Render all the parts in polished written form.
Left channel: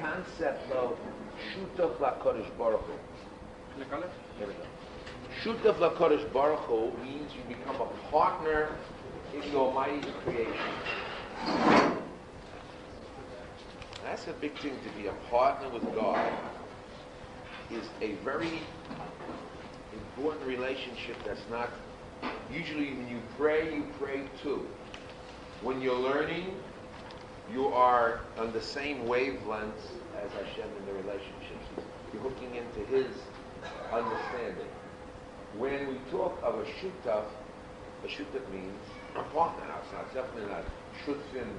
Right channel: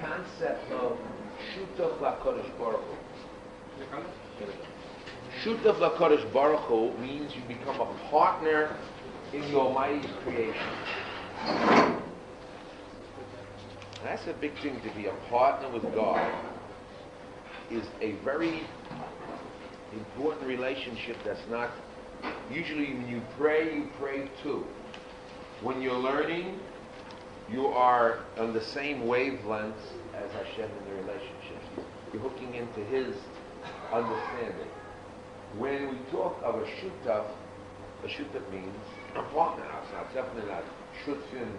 concept of shutaf lakodesh baruch hu. There we go. Shutaf lakodesh baruch hu means you become a partner in the Almighty's creation. And that's a big thing, to be a partner with God is a very important relationship that's not, usually when you pray too. When you're learning, you are on the same wavelengths as HaShem in the relationship. You're hooking into His understanding. When we talk of a shutaf means a partner. It's definitely not shutfim,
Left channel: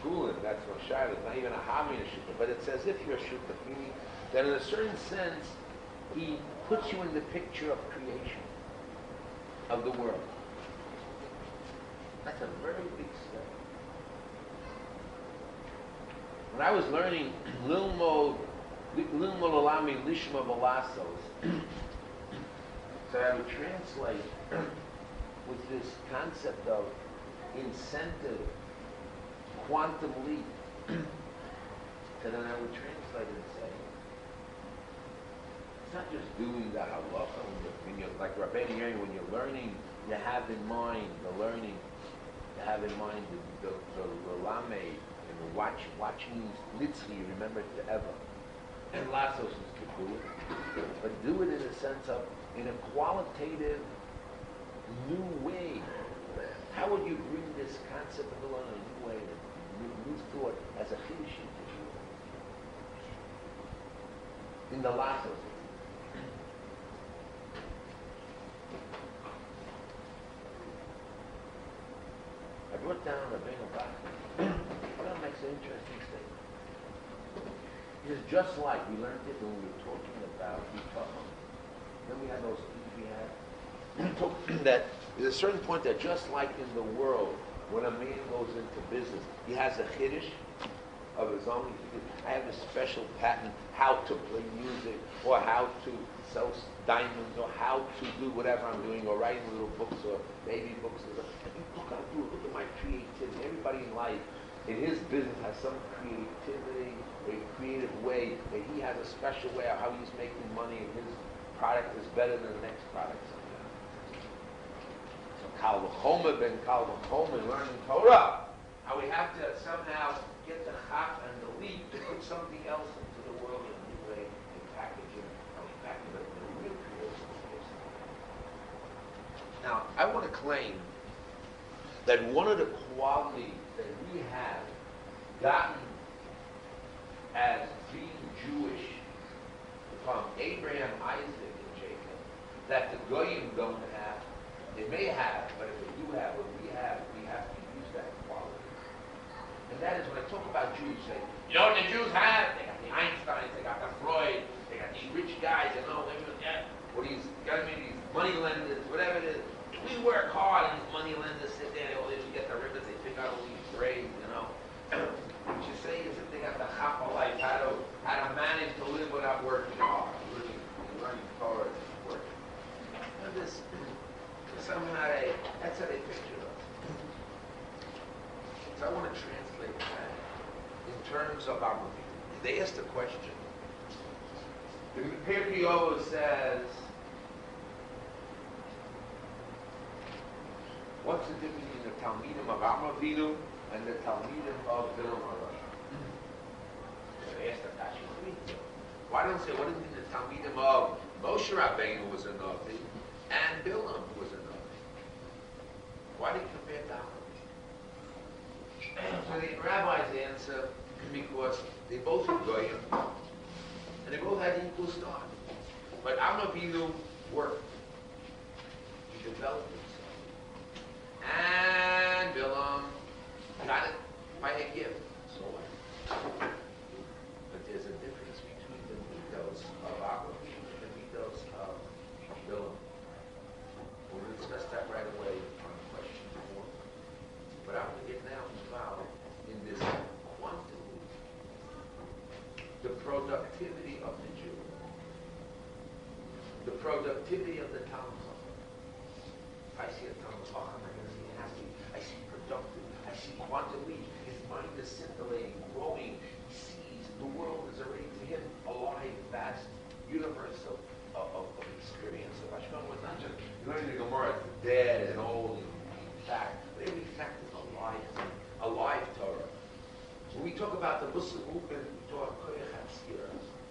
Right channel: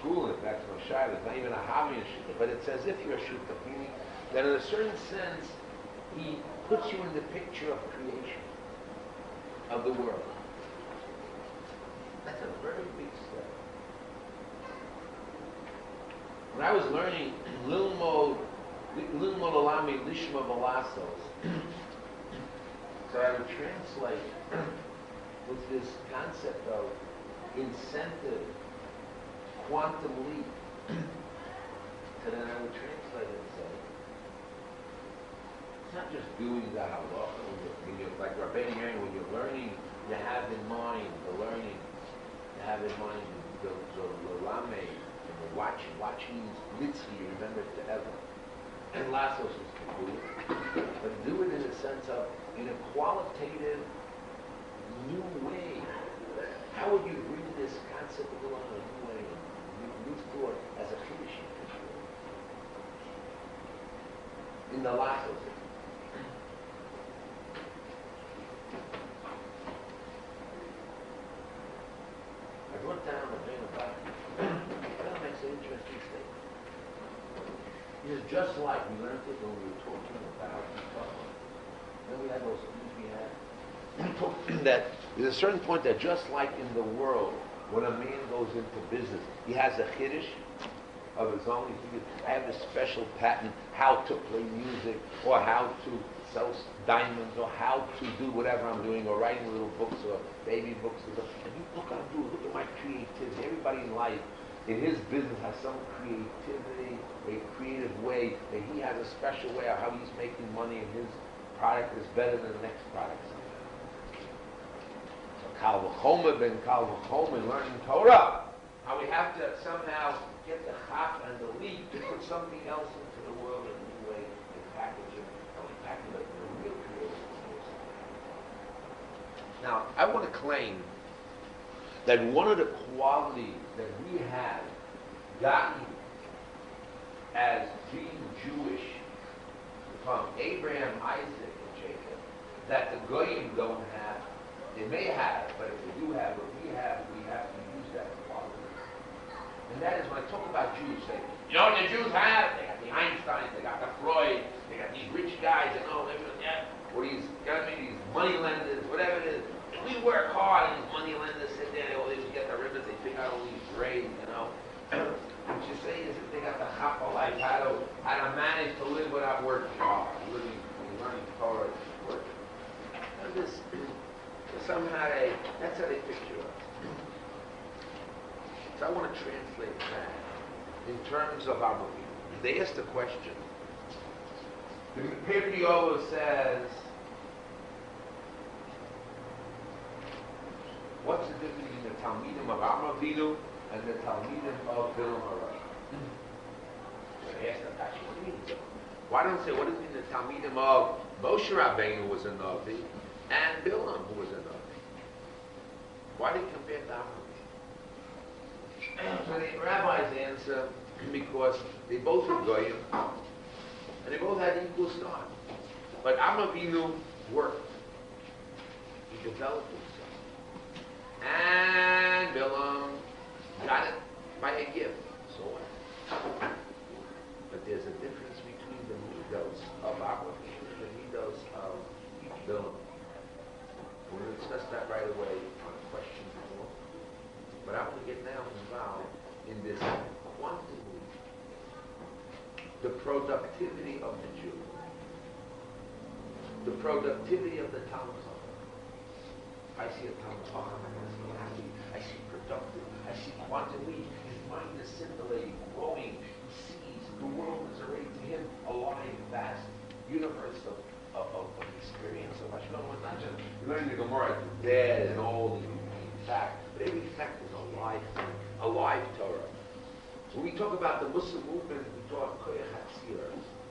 schooling, that's no shayla, it's not even a hobby in shutaf, but it's as if you're a shutaf, meaning that in a certain sense, he puts you in the picture of creation, of the world. That's a very big step. When I was learning Lilmod Olami Lishma Velasos, so I would translate with this concept of incentive, quantum leap. So then I would translate and say, it's not just doing the halacha, when you're like Rabbi Mordechai, when you're learning, you have in mind the learning, you have in mind the lamed, and the watching mitzvah, you remember it forever. And Lassos is to do it, but do it in a sense of, in a qualitative, new way. How would you bring this concept of the law in a new way, new thought, as a chiddush? In the Lassos. I brought down a vein of Botzer. That makes an interesting statement. It is just like we learned it when we were talking about Torah. Then we had those things we had. That there's a certain point that just like in the world, when a man goes into business, he has a chiddush of his own. I have a special patent how to play music, or how to sell diamonds, or how to do whatever I'm doing, or writing little books or baby books. And look what I'm doing. Look at my creativity. Everybody in life, in his business, has some creativity, a creative way, that he has a special way of how he's making money, and his product is better than the next product. So Kal V'chomer ben Kal V'chomer, learning Torah, how we have to somehow get the chap and the leap to put something else into the world in a new way, and package it, but in a real creative way. Now, I want to claim that one of the qualities that we have gotten as being Jewish from Abraham, Isaac, and Jacob, that the Goyim don't have, they may have, but if they do have what we have to use that quality. And that is, when I talk about Jews, say, you know what the Jews have? They got the Einsteins, they got the Freud, they got these rich guys, you know, or these money lenders, whatever it is. We work hard, and these money lenders sit there, they always get the ribbons, they pick out all these grades, you know. What you say is that they got the chapa, like how to manage to live without working hard. Really learning Torah is working. And this somehow that's how they picture us. So I want to translate that in terms of our movie. They asked a question. The Pirkei Avos says, what's the difference between the Talmidim of Avinu and the Talmidim of Bilam HaRosh? So they asked that, what do you mean? Why don't they say, what does it mean the Talmidim of Moshe Rabbeinu was a Navi and Bilam who was a Navi? Why do you compare that? So the rabbis answer, because they both are Goyim, and they both had equal start. But Avinu worked. He developed himself. And Bilam got it by a gift. So what? But there's a difference between the midos of Avinu and the midos of Bilam. We'll discuss that right away on question before. But I want to get now involved in this quantum leap, the productivity of the Jew, the productivity of the Talmud Chacham. I see a Talmud Chacham, I see happy, I see productive, I see quantum leap. His mind is scintillating, growing. He sees vast universe of experience of HaShem. It's not just learning the Gemara, it's dead and old and fact. But every fact is a live Torah. When we talk about the Muslim movement, we talk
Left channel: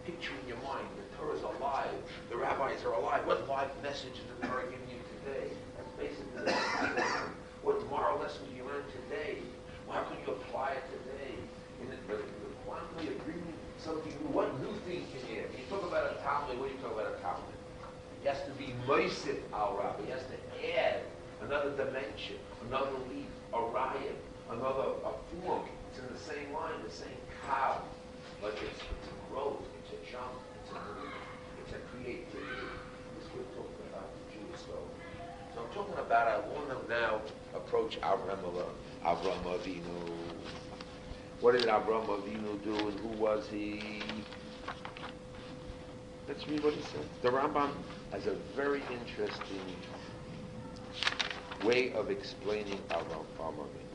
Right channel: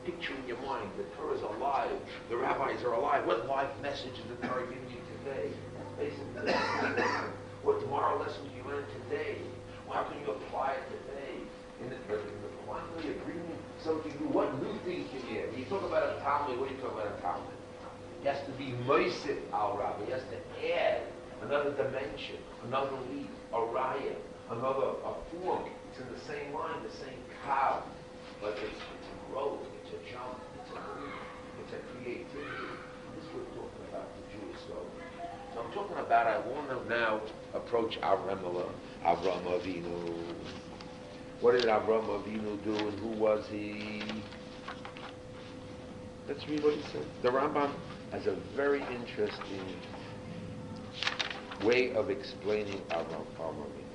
picture in your mind, the Torah is alive, the rabbis are alive. What life message is the Torah giving you today? That's basically the question. What moral lessons do you learn today? How can you apply it today? In the quantity of bringing something new, what new things can you add? You talk about a Talmud, what do you talk about a Talmud? He has to be moisif al Rabbi. He has to add another dimension, another leaf, a raya, a form. It's in the same line, the same cow, but it's a growth, it's a jump, it's a move, it's a creativity. This is what we're talking about the Jewish soul. So I'm talking about, I want to now approach Avraham Avinu. What did Avraham Avinu do and who was he? Let's read what he said. The Rambam has a very interesting way of explaining Avraham Avinu.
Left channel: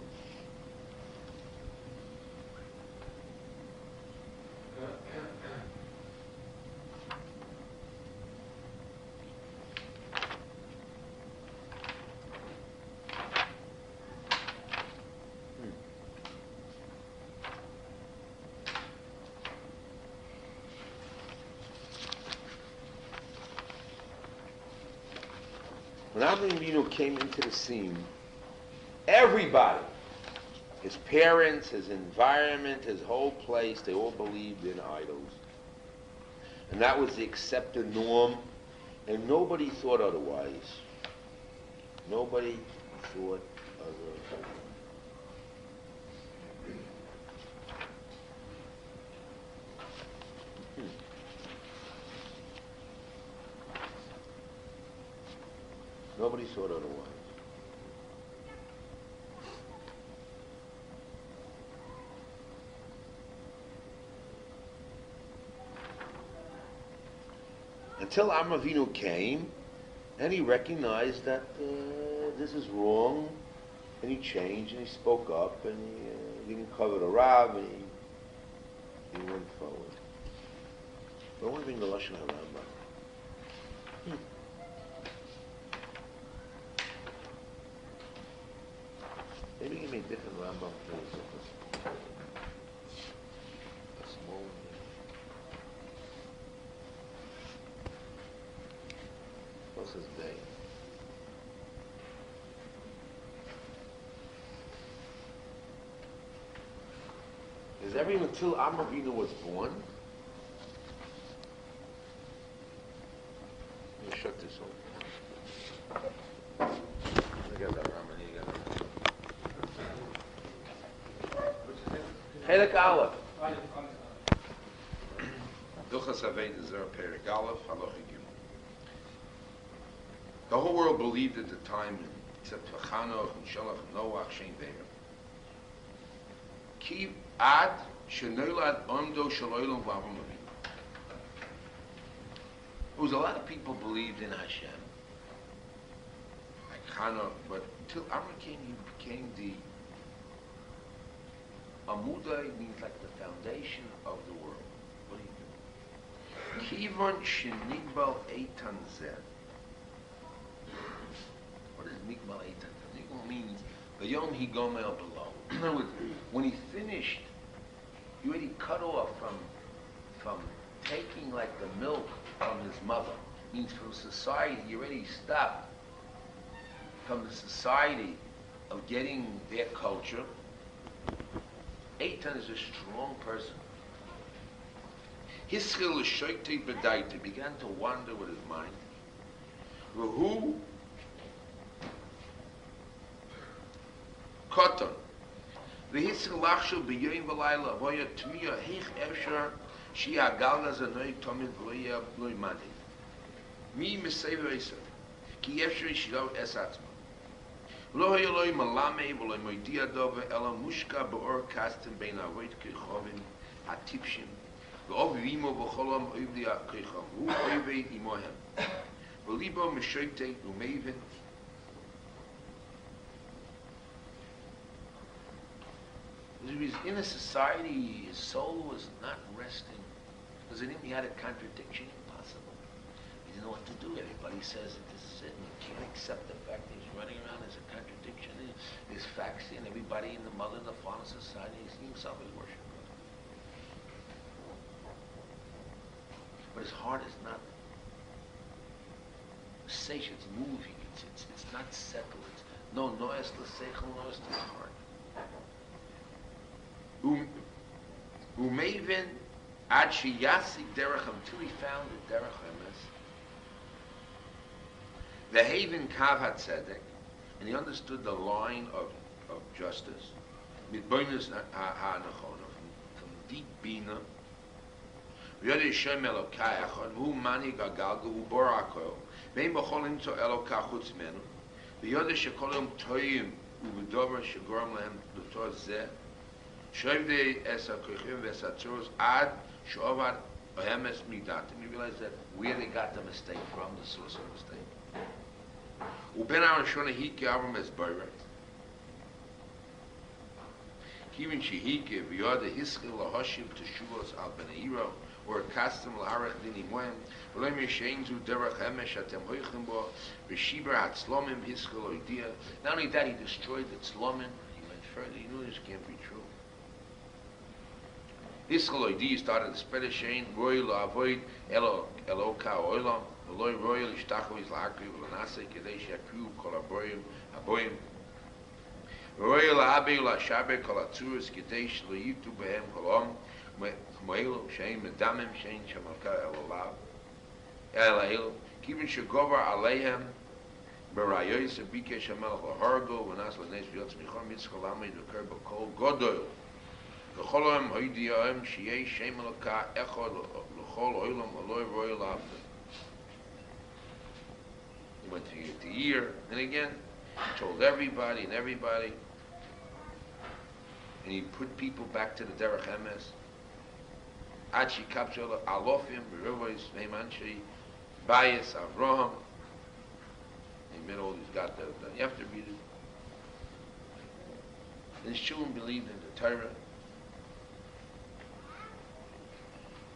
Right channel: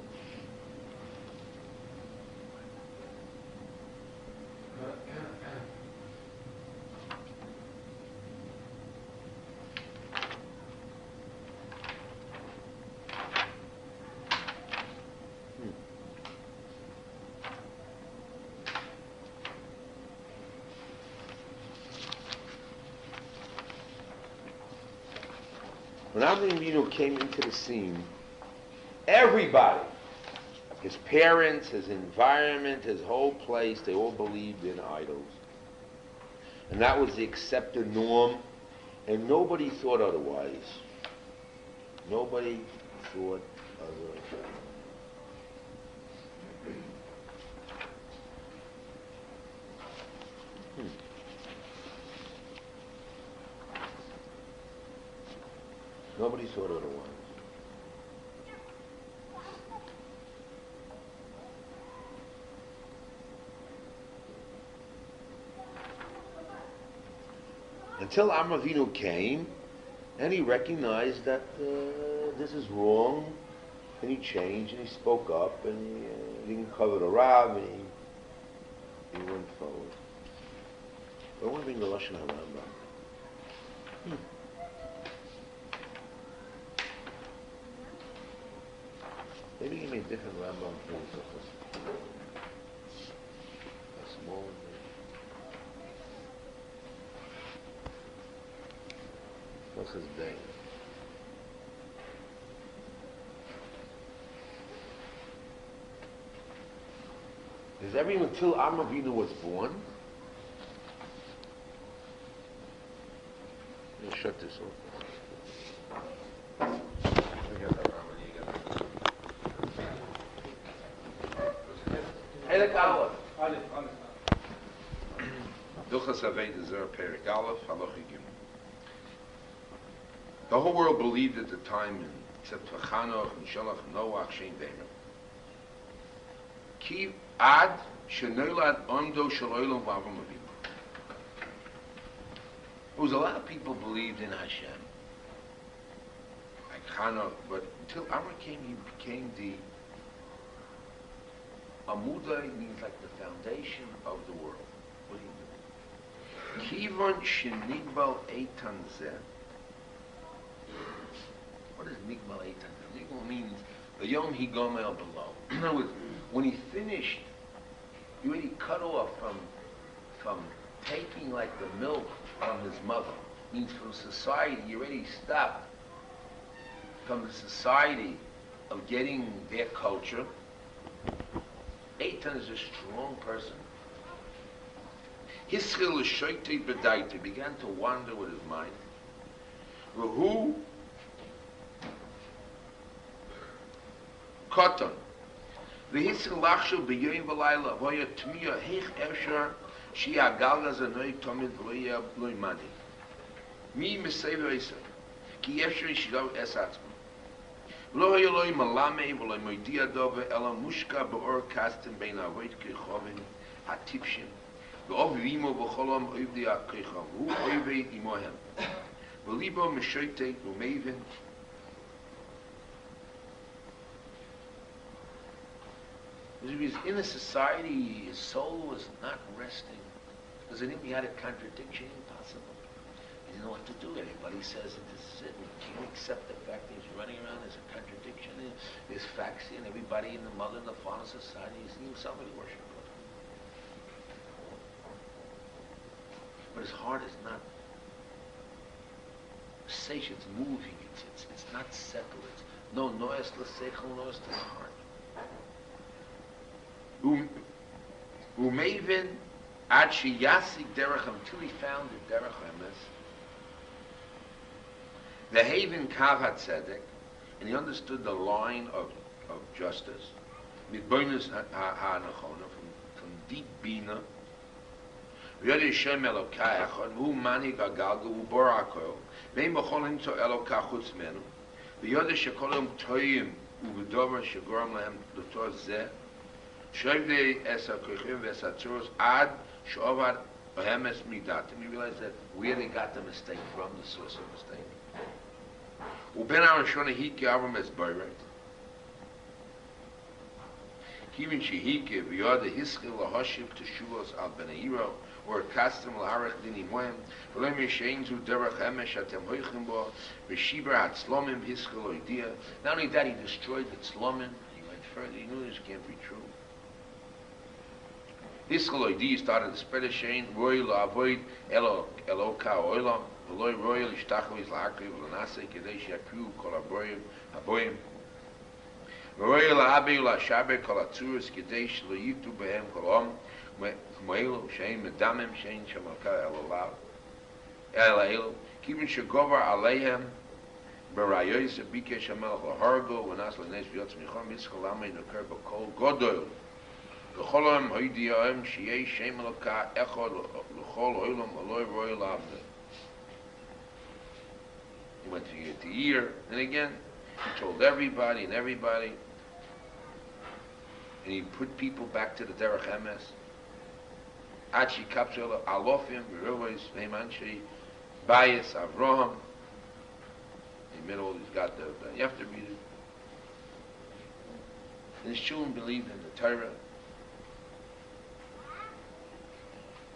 When Avraham Avinu came into the scene, everybody, his parents, his environment, his whole place, they all believed in idols. And that was the accepted norm, and nobody thought otherwise. Nobody thought otherwise. Nobody thought otherwise. Until Avraham Avinu came, and he recognized that this is wrong, and he changed, and he spoke up, and he didn't cover the Rav, and he went forward. But I want to bring the Lashon HaRambam. Maybe give me a different Rambam, please. A small one. What's his name? Is everyone until Avraham Avinu was born? Let me shut this off. I got that Rambam, you got that Rambam. Perek Aleph. Hilchos Aveidah Zarah Perek Aleph, Halacha Gimel. The whole world believed at the time, except for Chanoch and Shalach and Noach, Shem Be'er. Ki ad shenolad omdo shel olam v'Avraham Avinu. There was a lot of people believed in HaShem, like Chanoch, but until Avraham came, he became the Amuda. Means like the foundation of the world. What do you do? Kivon shenigbal eitan zeh. What does Nigmal Eitan? Nigmal means the Yom Higomel below. In other words, when he finished, he already cut off from taking like the milk from his mother. Means from society, he already stopped from the society of getting their culture. Eitan is a strong person. His skill is shoyti bedaita, began to wander with his mind. Who Koton. V'hitzil lachshu b'yoyim v'layla v'oya tmiya heich efshar shia galga zanoi tomid v'loya bloi mani. Mi mesei v'eisa. Ki efshar yishidov es atzma. Lo hayoloi malame v'loi moidia dove ela mushka b'or kastim bein avoit kechovin hatipshim v'ov v'imo v'cholam oivdi ha'kechov v'hu oived imohem v'libo meshoite u'meivin. He was in a society, his soul was not resting Because he knew he had a contradiction impossible. He didn't know what to do. Everybody says that this is it, and he can't accept the fact that he's running around as a contradiction. And there's facts and everybody in the mother and the father society is himself is worshiping God. But his heart is not safe, it's moving, it's not settled. It's no noise l'seichel, noise to the heart. Umevin ad sheyasik derech until he found the derech emes. Ve'havin kav hatzedek, and he understood the line of justice. Mitboinus ha'anachona, from deep bina. V'yod Hashem Elokai echad, v'hu mani gagalgu, v'hu bor hakol. Ve'im b'cholim to Eloka chutz menu. V'yod shekolim toyim, u'v'dover shegoram lehem l'tor zeh. Shovdei es ha'kochim v'es ha'tzuros ad she'ovad b'hemes midatim. You realize that where they got the mistake from, the source of the mistake. Uben ha'rashona hike avram es boirek. Even shehike v'yod hiskil lahoshiv teshuos al benahiro, or custom l'arach dini moem, v'loim yishein zu derech hemesh atem hoichim bo, v'shiber hatzlomim hiskil oidia. Not only that, he destroyed the tzlomim. He went further. He knew this can't be true. Hiskil oidia started to spread a shein, roi la'avoid eloka oilam, v'loi roi l'shtachel izla'akriv v'lanase kedei she'akriu kol haboyim. Roi la'abe la'shabe kol hatzuris kedei shelo yitu behem kolom, Moelo, Shein, Medamim, Shein, Shemalka, Elail, Kivin Shegovar Alehem, Barayois, Bike Shemal, Hargo, Venas, Lanes, Viot, Nichom, Yitzchalame, Nuker, Bakol, Godoil, V'cholam, Hoidiyaim, Shei, Shemalka, Echod, L'chol, Oilam, Aloy, Royal Abda. He went from year to year, and again, he told everybody, and he put people back to the Derech Emes. Achi kapshel alofim v'rovos neimanshei bias Avraham. In the middle, he's got the you have to read it. The Shulam believed in the Torah.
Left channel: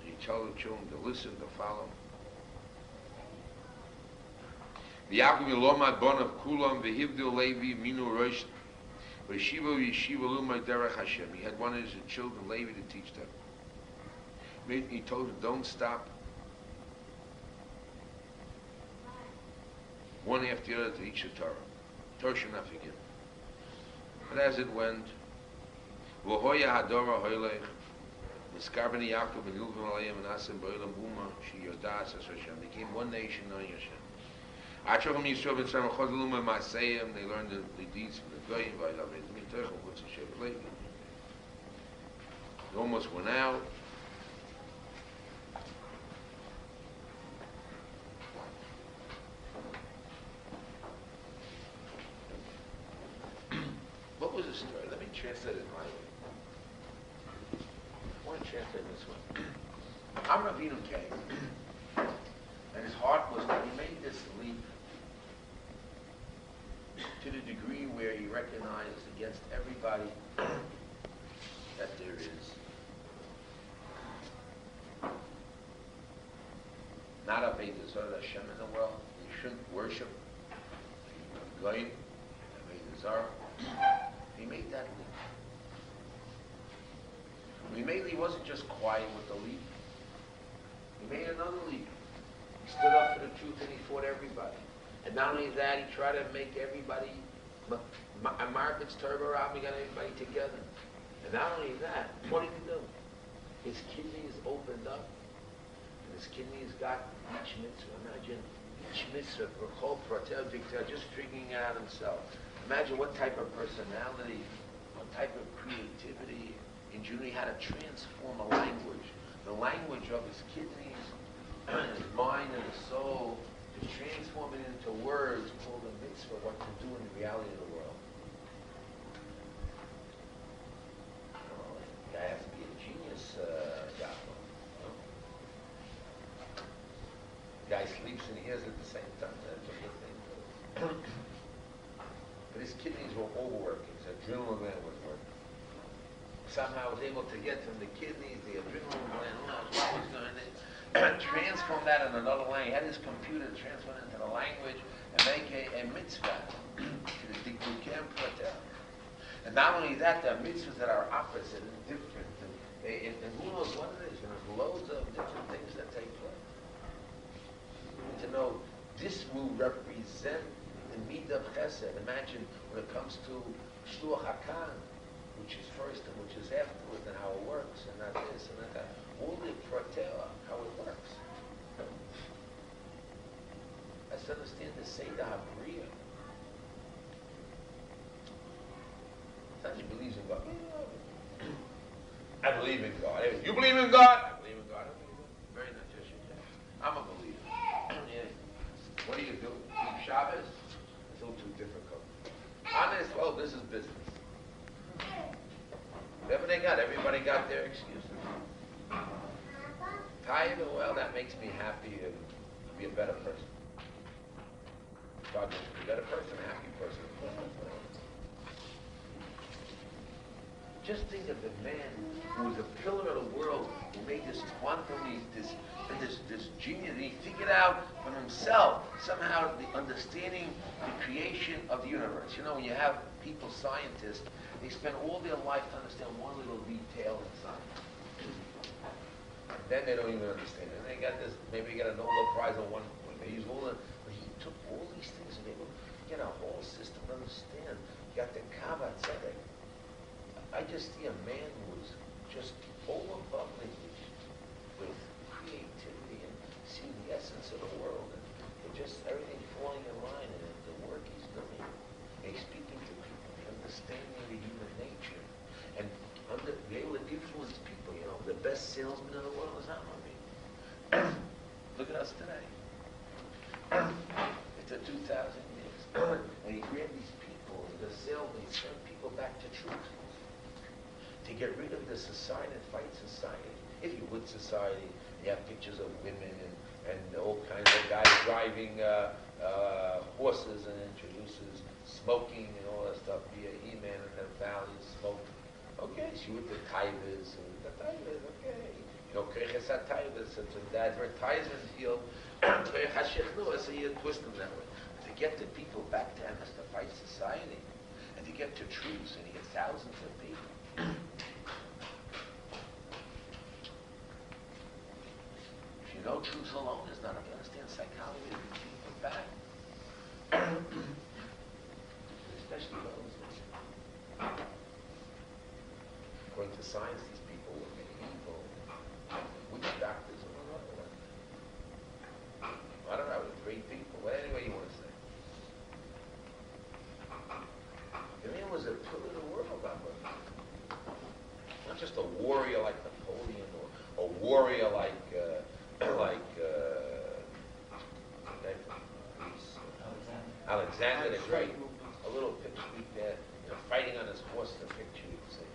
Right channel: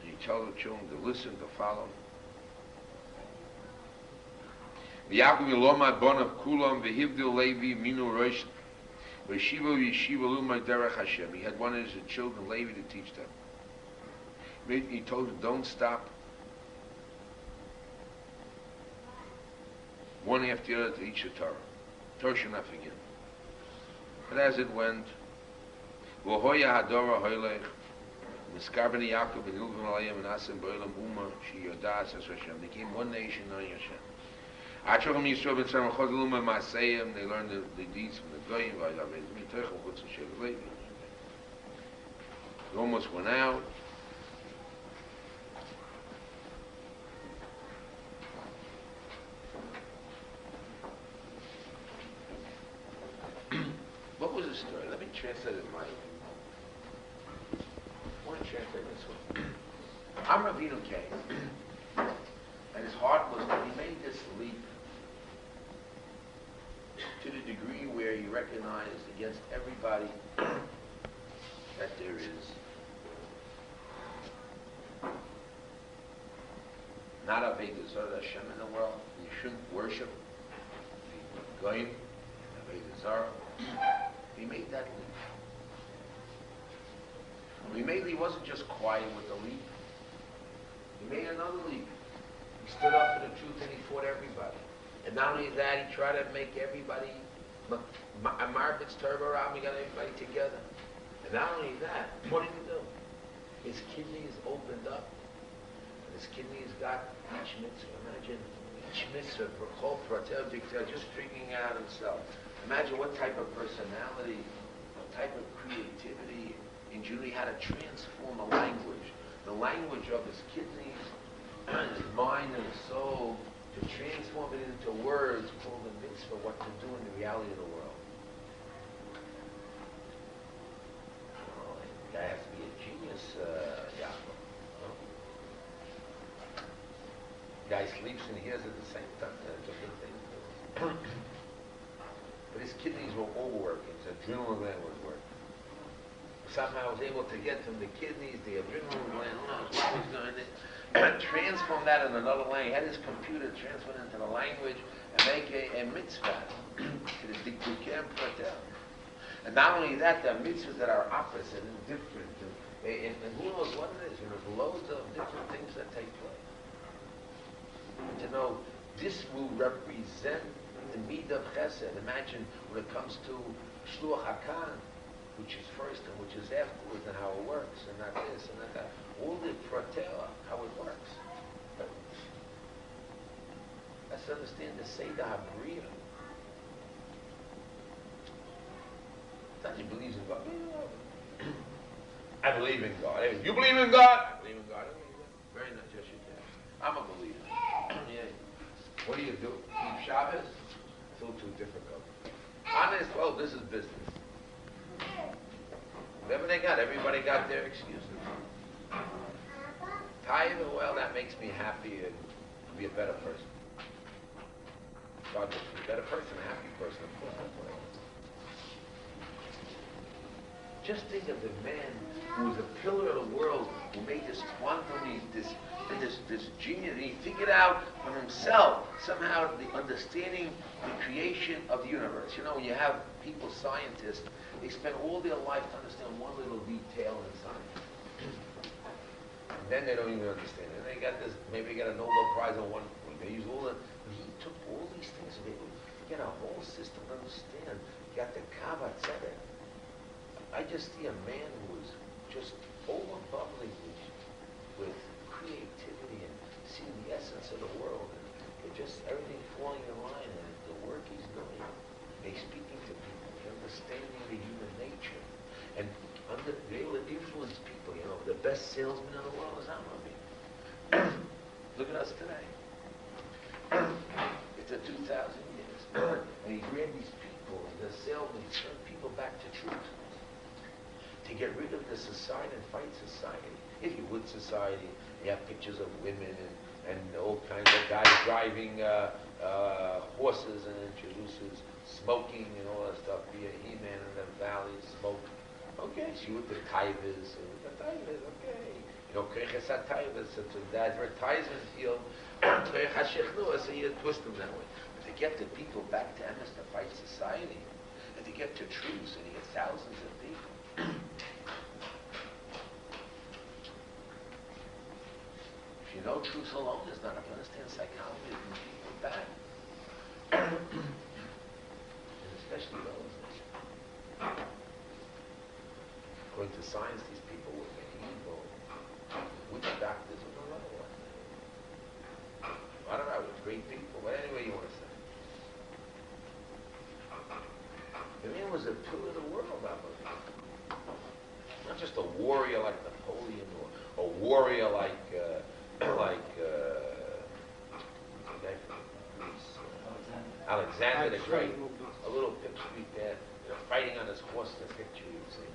He told the Shulam to listen, to follow. V'yakum yilomad bonav kulam v'hivdil Levi minu Rosh v'yeshiva lumad derech HaShem. He had one of his children, Levi, to teach them. He told them, don't stop. One after the other to each the Torah. Torah should not forget. But as it went, V'hoya hadora hoylech, Miskarbani Yaakov and Yuvim alayim and Asim b'olam buma shiyodas as Hashem. Became one nation knowing Hashem. Achochem Yisrael ben Sarah Chodluma Maseyim. They learned the deeds from the Goyim. They almost went out. What was the story? Let me translate it my way. I want to translate this one. Amravinu came, and his heart was when he made this leap to the degree where he recognized against everybody that there is not a Ve'dazar Hashem in the world. You shouldn't worship the Goyim, a Ve'dazar. He made that leap. When he made it, he wasn't just quiet with the leap. He made another leap. He stood up for the truth and he fought everybody. And not only that, he tried to make everybody, Market's Torah, he got everybody together. And not only that, what did he do? His kidneys opened up. And his kidneys got each mitzvah. Imagine each mitzvah, just figuring out himself. Imagine what type of personality, what type of creativity in Judaism, how to transform a language. The language of his kidneys, his mind and his soul, to transform it into words called a mitzvah, what to do in the reality of the world. Oh, that has to be a genius, Yaffa. No? Guy sleeps and hears at the same time. That's a good thing. But his kidneys were overworking. His adrenaline gland was working. somehow was able to get from the kidneys, the adrenal gland, what was going to transform that in another language. He had his computer transfer it into the language and make a mitzvah. And not only that, there are mitzvahs that are opposite and different. And who knows what it is. And there's loads of different things that take place. And to know this will represent the midah of chesed. Imagine when it comes to shluach hakan, which is first and which is afterwards, and how it works, and not this and not that. All the pratel, how it works. Let's understand the Seder HaBriya. Not he believes in God. I believe in God. You believe in God? I believe in God. Very nice. Yes, you can. I'm a believer. Yeah. What do you do? Keep Shabbos? It's all too difficult. Honest, well, this is business. Whatever they got, everybody got their excuses. Tired? Well, that makes me happy and I'll be a better person. God makes me a better person, a happy person. Of course, that's what I want. Just think of the man who was a pillar of the world, who made this quantum, this genius. He figured out for himself somehow the understanding the creation of the universe. You know, when you have people, scientists, they spend all their life to understand one little detail in science. And then they don't even understand it. And they got this, maybe they got a Nobel Prize on one point. They use all the, but he took all these things and they get a whole system to understand. Got the Kava Tzedek. I just see a man who was just overbubbling with creativity and seeing the essence of the world and just everything falling in line and the work he's doing. He's speaking to people, understanding the human nature, and they able to influence people. You know, the best salesman in the world is Amami. Look at us today. It's a 2,000 years, and he created these people. The salesman turned people back to truth. To get rid of the society and fight society. If you would society, you have pictures of women and all kinds of guys driving horses and introduces smoking and all that stuff. Be a He-Man in the valley, smoke. Okay, so you with the Taivas, okay. You know, Kreches HaTaivas, it's an advertisement field. So you twist them that way. But to get the people back to Emes, to fight society, and to get to truth, and you get thousands of people. If you know truth alone is not enough. You understand psychology and people back. And especially those. According to science, these people were evil. We the doctors were another one. I don't know, it was great people, any way you want to say. The man was a pillar of the world, I believe. Not just a warrior like Napoleon or a warrior like Alexander the Great. A little picture there, fighting on his horse, the picture you see.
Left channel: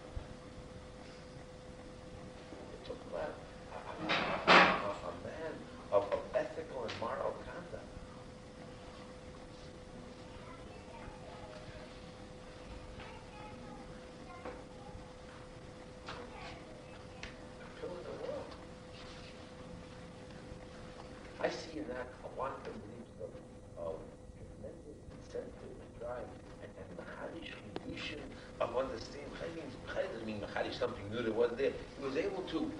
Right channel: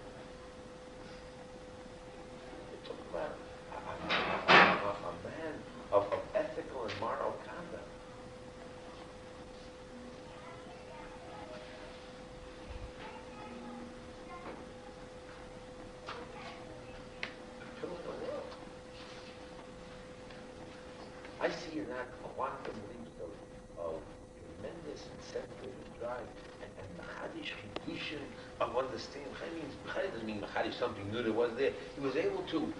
You talk about a man of ethical and moral conduct. I see in that quantum leaps of tremendous incentive and drive and Machadish condition of understanding. Machadish doesn't mean Machadish something new that wasn't there. He was able to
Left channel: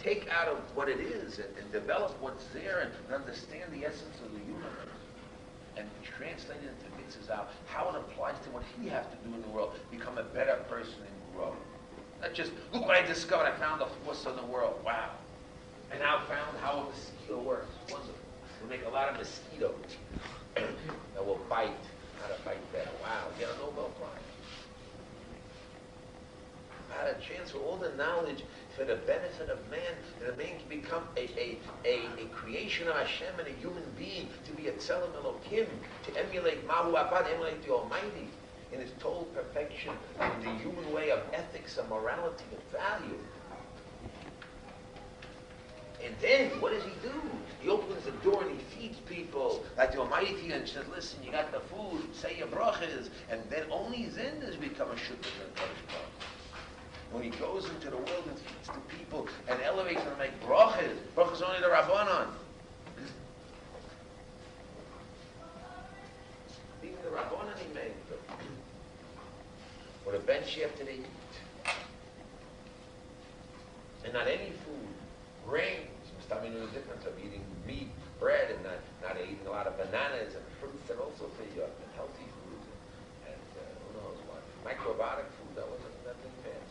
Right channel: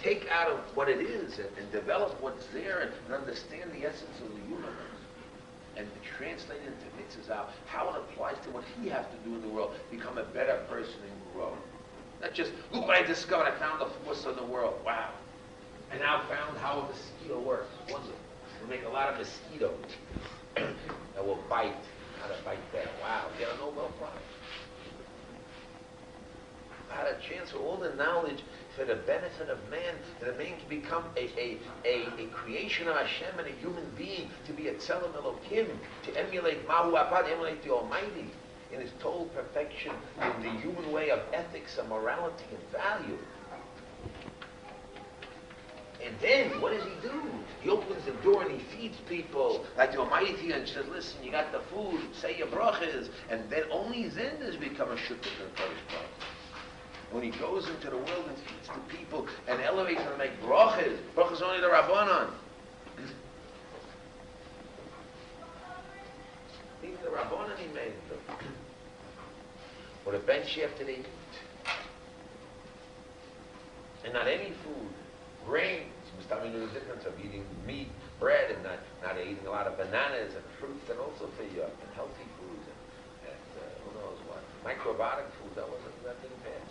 take out of what it is and develop what's there and understand the essence of the universe and translate it into mitzvahs out, how it applies to what he has to do in the world, become a better person and grow. Not just, look what I discovered, I found the force of the world, wow. And now found how a mosquito works. Wonderful. We make a lot of mosquitoes that will bite. How to bite better. Wow. Get a Nobel Prize. I had a chance for all the knowledge for the benefit of man, that a man can become a creation of HaShem and a human being, to be a Tzelem Elokim, to emulate Mahu Abad, emulate the Almighty in his total perfection, in the human way of ethics and morality and value. And then, what does he do? He opens the door and he feeds people like the Almighty and says, listen, you got the food, say your brachas, and then only then does he become a shukr to the Kodesh Baruch. when he goes into the world and feeds the people and elevates them and make brachas. Brachas only the Rabbanon. Even the Rabbanon he made them. What a bench after they eat. And not any food. Grains. I mean, there's a difference of eating meat, bread, and not eating a lot of bananas and fruits, and also for you, and healthy foods, and who knows what. Microbiotic food, that didn't pass.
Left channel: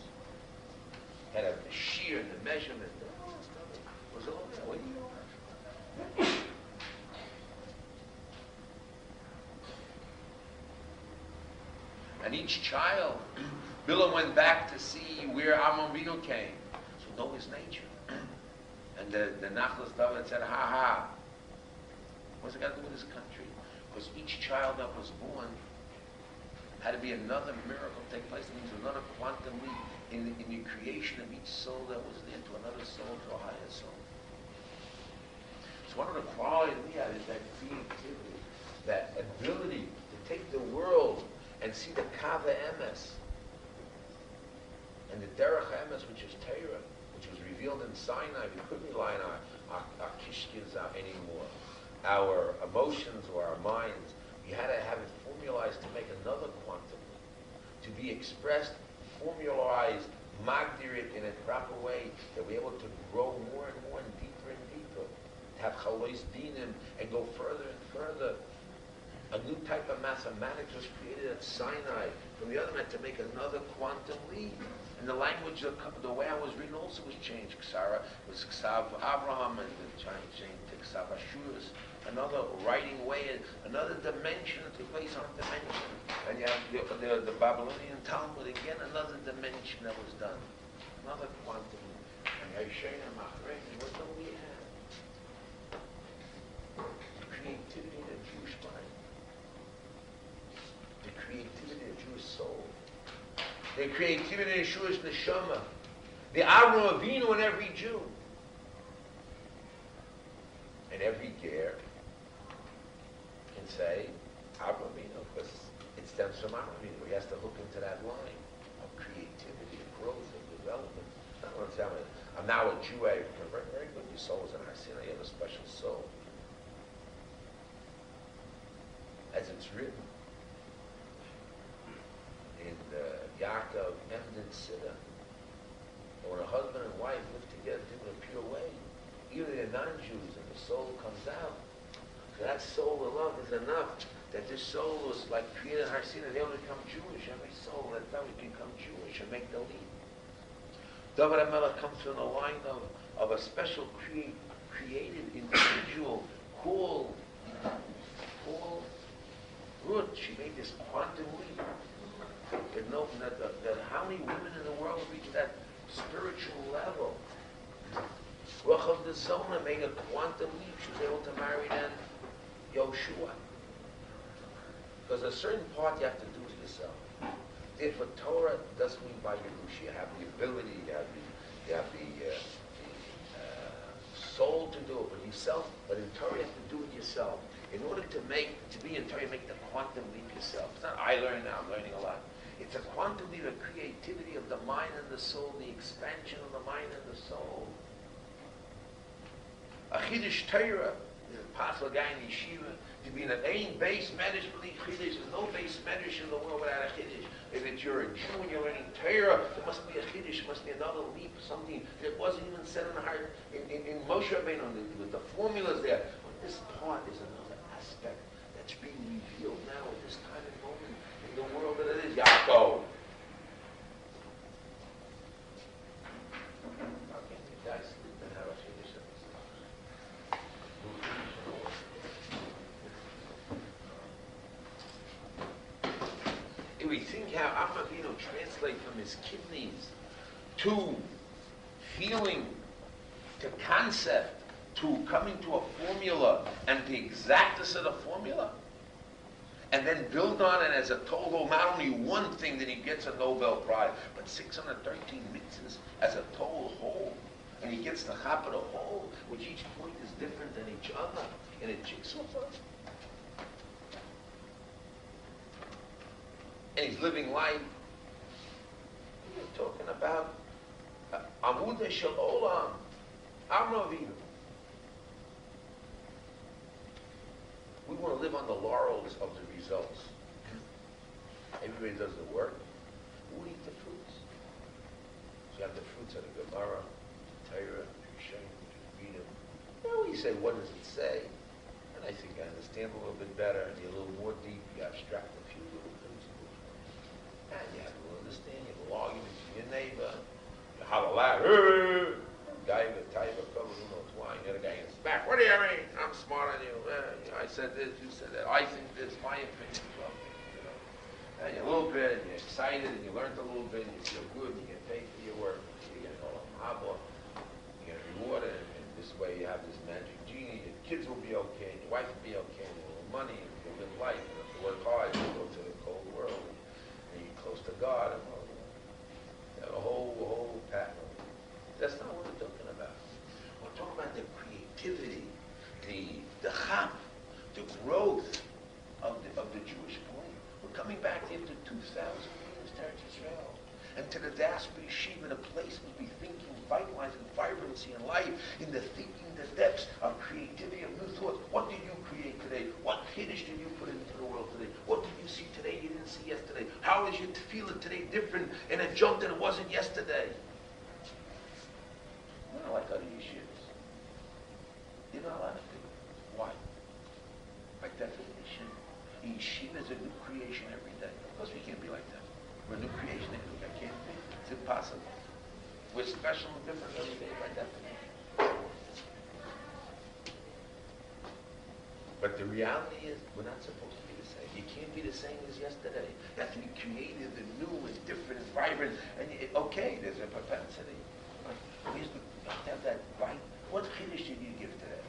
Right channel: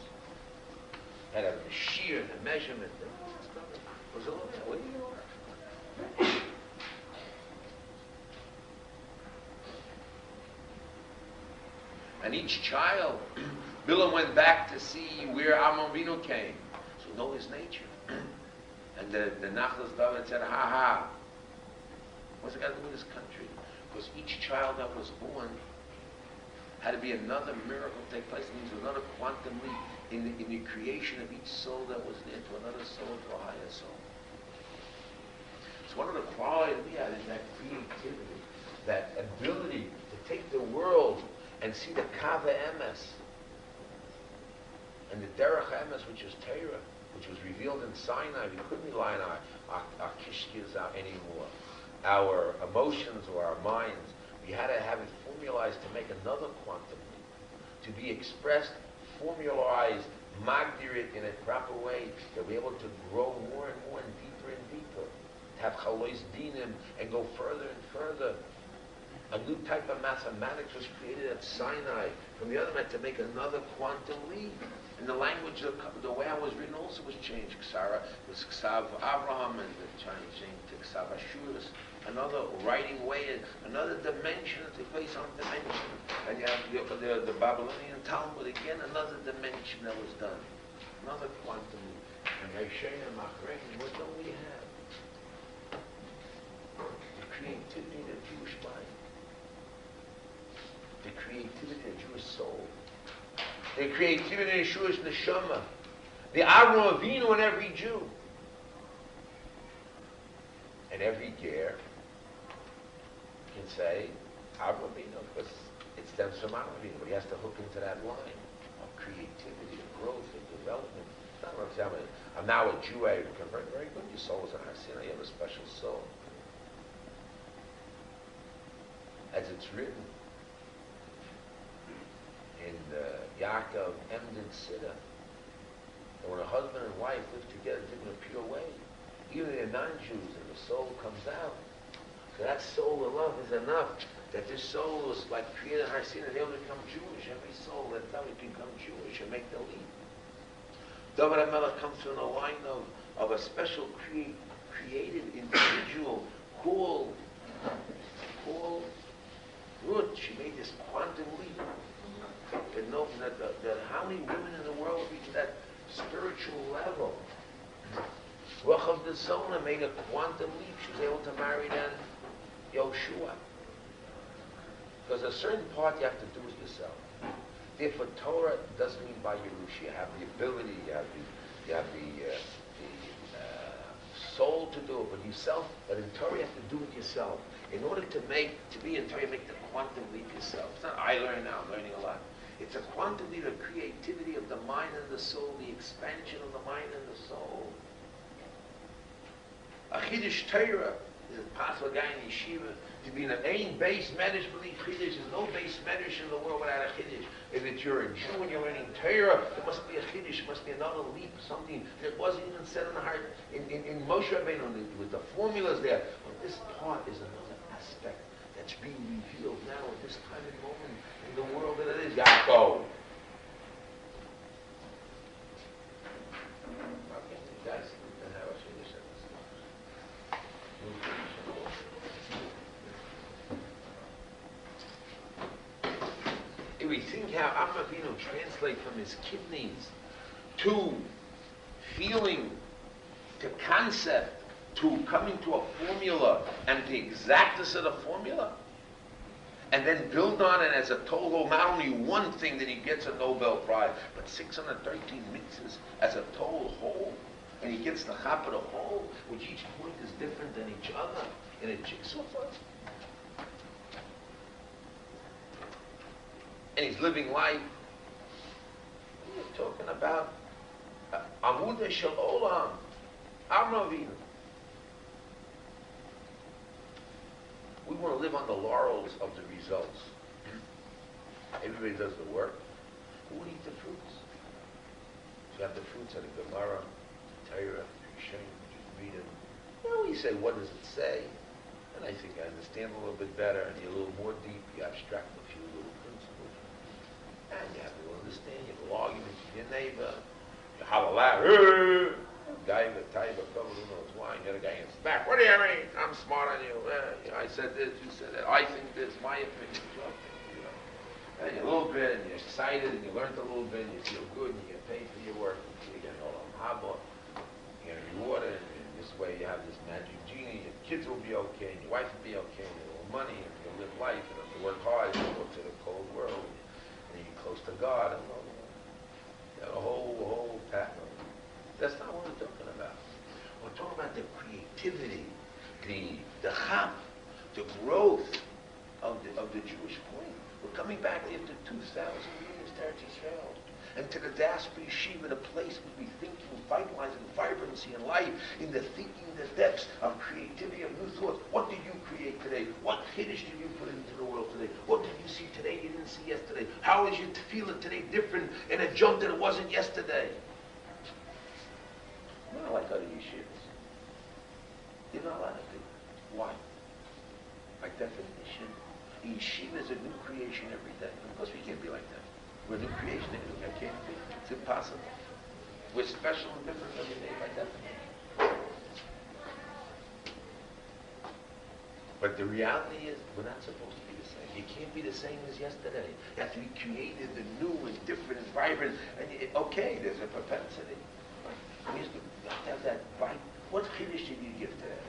Had a shiur, the measurement, all that stuff was all there. What do you know? And each child, Bilam went back to see where Avinu came, to know his nature. And the Nachlas David said, ha, what's it got to do with this country? Because each child that was born had to be another miracle take place. It means another quantum leap in the creation of each soul that was there to another soul, to a higher soul. So one of the qualities we have is that creativity, that ability to take the world and see the Kava Emes and the Derech Emes, which is Torah, which was revealed in Sinai. We couldn't rely on our kishkis anymore, our emotions or our minds. We had to have it formalized to make another quantum leap, to be expressed, formalized, magdirit in a proper way, that we're able to grow more and more and deeper, have chalois dinim, and go further and further. A new type of mathematics was created at Sinai. From the other hand, to make another quantum leap. And the language, the way it was written also was changed. Ksara was Ksav Abraham, and the Chinese changed to Ksav Ashurus. Another writing way, another dimension that took place on dimension. And you have the Babylonian Talmud, again, another dimension that was done. Another quantum leap. And HaShem and Machrein, what don't we have? The creativity of the Jewish mind. The creativity of the Jewish soul. The creativity of the Jewish neshama. The Avram Avinu in every Jew. And every ger can say Avram Avinu, because it stems from Avram Avinu. But he has to hook into that line of creativity, of growth, of development. I'm now a Jew, I convert. Very good. Your soul is an Hasina. You have a special soul. As it's written in Yaakov Emden Siddur, and when a husband and wife live together in a pure way, even they're non-Jews, and the soul comes out. So that soul of love is enough that this soul is like created Harsina, they will become Jewish. Every soul that would become Jewish and make the leap. David HaMelech comes from the line of a special creative individual called Ruth. She made this quantum leap. And know that how many women in the world reach that spiritual level? Rochav the Sona made a quantum leap. She was able to marry then Yoshua. Because a certain part you have to do it yourself. Therefore, Torah doesn't mean by Yerush. You have the ability, you have the soul to do it, but yourself. But in Torah, you have to do it yourself. In order to be in Torah, you make the quantum leap yourself. It's not I learn now. I'm learning a lot. It's a quantum leap of creativity of the mind and the soul, the expansion of the mind and the soul. A Chiddush Torah is a possible guy in Yeshiva to be in an aim base medrash belief Chiddush. There's no base medrash in the world without a Chiddush. If you're a Jew and you're learning Torah, there must be a Chiddush, there must be another leap, something that wasn't even said in the heart in Moshe Rabbeinu with the formulas there. But this part is another aspect that's being revealed now at this time and moment in the world that it is. Yaakov. How can you guys sleep and have a Chiddush in this? If we think how Avram Avinu translates from his kidneys to feeling, to concept, to coming to a formula, and the exactness of the formula, and then build on it as a total, not only one thing that he gets a Nobel Prize, but 613 mitzvahs as a total whole. And he gets the chap of the whole, which each point is different than each other, in a jigsaw puzzle. And he's living life. talking about Amuda Shel Olam, Amavinu. We want to live on the laurels of the results. Everybody does the work. Who would eat the fruits? You have the fruits of the Gemara, Torah, Shem, which you read it. Now you say, what does it say? And I think I understand a little bit better, and you're a little more deep, you abstract a few little principles. And you have a little understanding, you have a little argument with your neighbor, you holler loud, guy with a fellow who knows why, and the other guy gets back, what do you mean? I'm smart on you. I said this, you said that, I think this, my opinion, your opinion, you know. And you're a little bit, and you're excited, and you learned a little bit, and you feel good, and you get paid for your work, you get all haba, you get rewarded, and this way you have this magic genie, your kids will be okay, and your wife will be okay, and you have money, and you'll live life, and if you work hard, you go to the cold world, and you're close to God, and well, you know, a whole pattern. That's not what we're talking about. We're talking about the creativity, the chap, the growth of the Jewish point. We're coming back after 2,000 years to Eretz Yisrael, and to the Diaspora Yeshiva, the place where we think and vitalize and vibrancy and life, in the thinking, the depths of creativity, of new thought. What did you create today? What Kiddush did you put into the world today? What did you see today you didn't see yesterday? How is you feeling today different and a jump than it wasn't yesterday? Not like other yeshivas. You're not allowed to. Why? By definition, yeshiva is a new creation every day. Of course we can't be like that. We're a new creation every day. I can't be. It's impossible. We're special and different every day by definition. But the reality is, we're not supposed to be the same. You can't be the same as yesterday. You have to be creative and new and different and vibrant. And okay, there's a propensity. And you have to have that right. What Kiddush did you give today?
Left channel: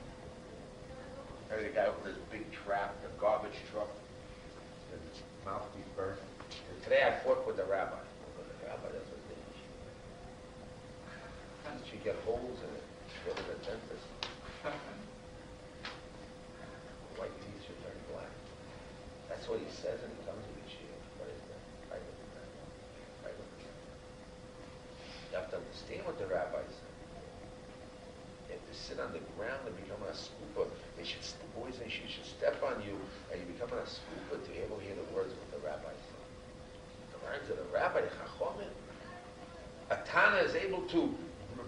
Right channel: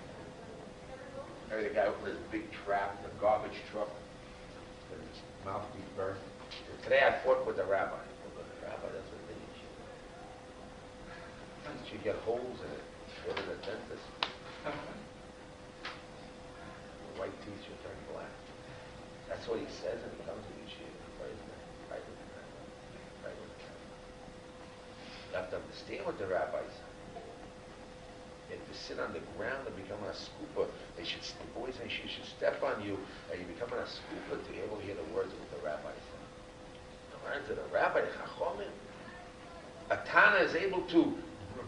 The guy opened his big trap, the garbage truck, and his mouthpiece burned. And today I fought with the rabbi. With the rabbi, that's what it is. How did you get holes in it? Go to the dentist. The white teeth should turn black. That's what he says, and he comes to Yeshiva. You have to understand what the rabbi said. You have to sit on the ground and become a scooper. The boys and she should step on you, and you become a scooper to be able to hear the words that the rabbi said. The words of the rabbi, Chachomim. A Tana is able to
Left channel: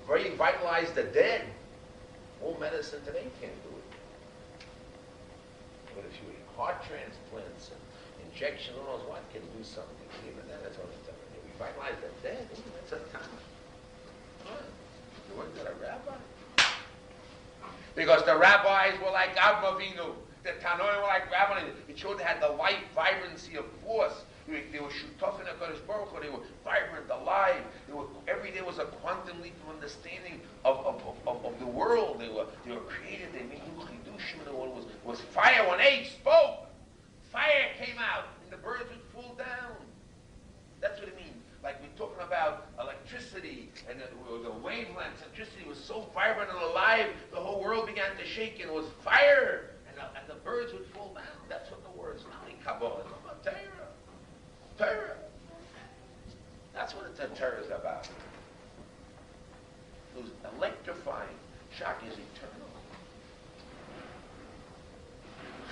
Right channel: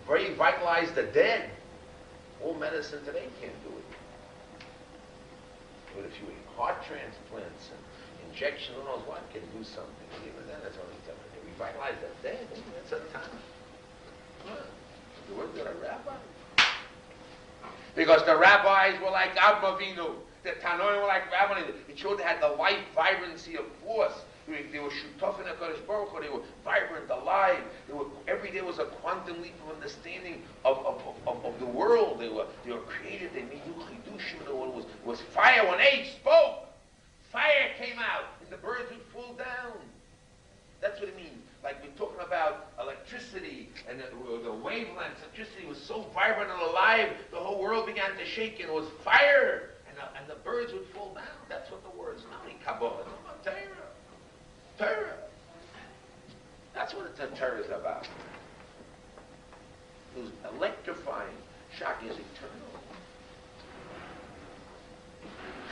revitalize the dead. All medicine today can't do it. But if you eat heart transplants and injections, who knows what, can do something. Even then, it's only something. Revitalize the dead. That's a Tana. The words of the rabbi. Because the rabbis were like Avinu, the Tanoim were like Rabbi. It showed they had the life, vibrancy of force. They were shutaf in HaKadosh Baruch Hu. They were vibrant, alive. Every day was a quantum leap of understanding of the world. They were creative. They made new chidushim. The world was fire. When H spoke, fire came out, and the birds would fall down. That's what it means. Like we're talking about electricity and the wavelengths. Electricity was so vibrant and alive, the whole world began to shake, and it was fire, and the birds would fall down. That's what the word's not in Kabbalah. It's about Torah. Torah. That's what the Torah is about. It was electrifying. Shaki is eternal.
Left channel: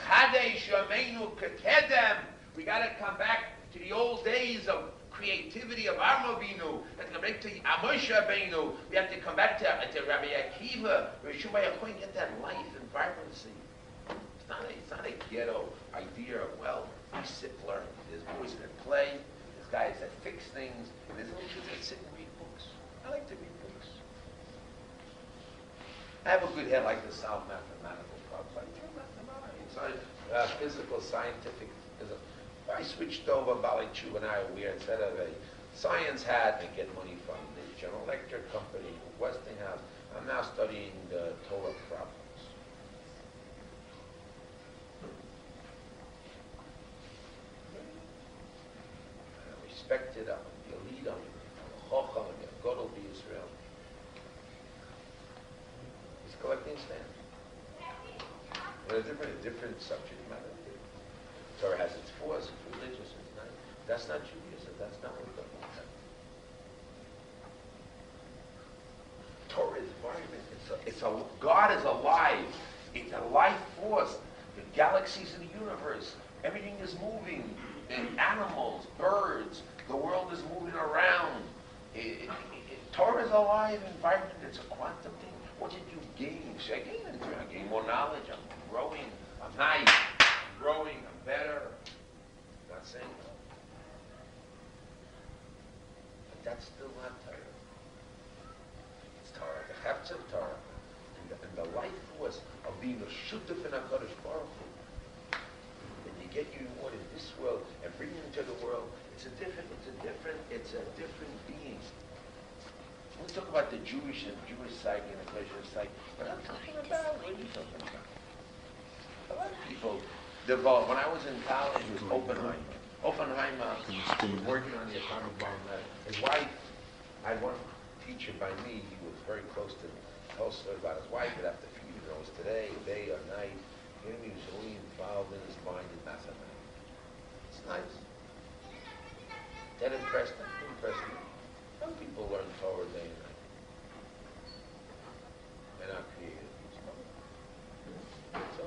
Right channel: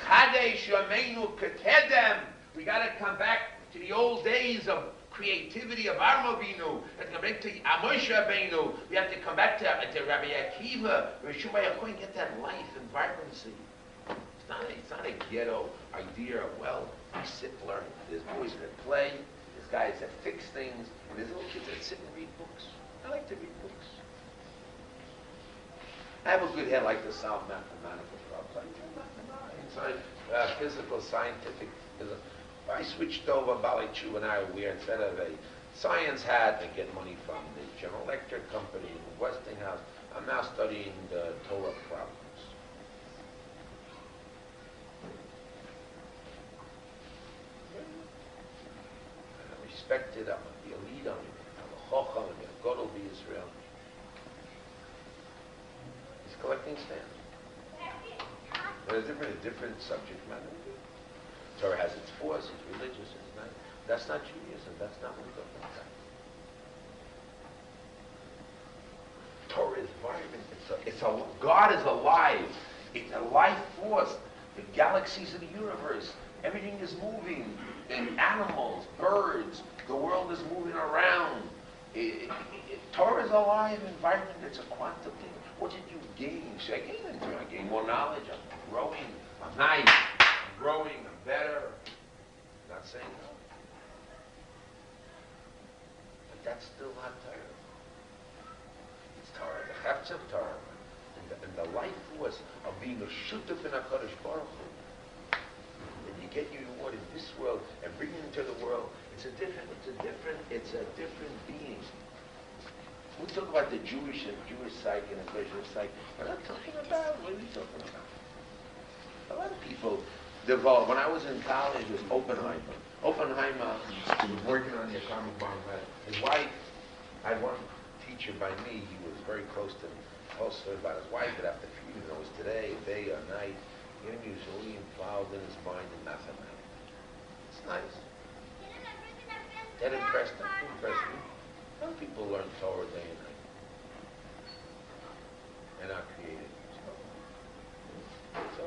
Chadesh Yameinu Kekedem. We got to come back to the old days of creativity of Avinu. We have to come back to Moshe Rabbeinu. We have to come back to Rabbi Akiva. Get that life and vibrancy. It's not a ghetto idea of, well, we sit and learn. There's boys that play. There's guys that fix things. And there's little kids that sit and read books. I like to read books. I have a good head. I like to solve mathematical problems. Physical, scientific, physical. I switched over Bali Chu and I were weird. Instead of a science hat to get money from the General Electric Company, Westinghouse, I'm now studying the Torah problems. I respect it. I'm going to be a leader. I'm a chacham. I'm going to go to Israel. He's collecting stamps. There's different subject matter. Torah has its force, it's religious, it's not. That's not Judaism. That's not what we're talking about. God is alive. The life force, the galaxies of the universe, everything is moving. And animals, birds, the world is moving around. Torah is alive and vibrant. It's a quantum thing. What did you gain? So I gain more knowledge. I'm growing. I'm nice. I'm growing. I'm better. I'm not saying no. But that's still not Torah. It's Torah, the heft of Torah, and the life force of being a shutuf in HaKadosh Baruch Hu. And you get your reward in this world and bring it into the world. It's a different beings. We talk about the Jewish psyche and the Christian psyche. We're not talking about, what are we talking about? A lot of people develop. When I was in college with Oppenheimer was working on the atomic bomb. His wife, I had one teacher by me, he was very close about his wife, but after a few years, it was today, day or night, he was only involved in his mind in mathematics. It's nice. That impressed him, impressed me. Some people learn Torah day and night. They're not creative. So,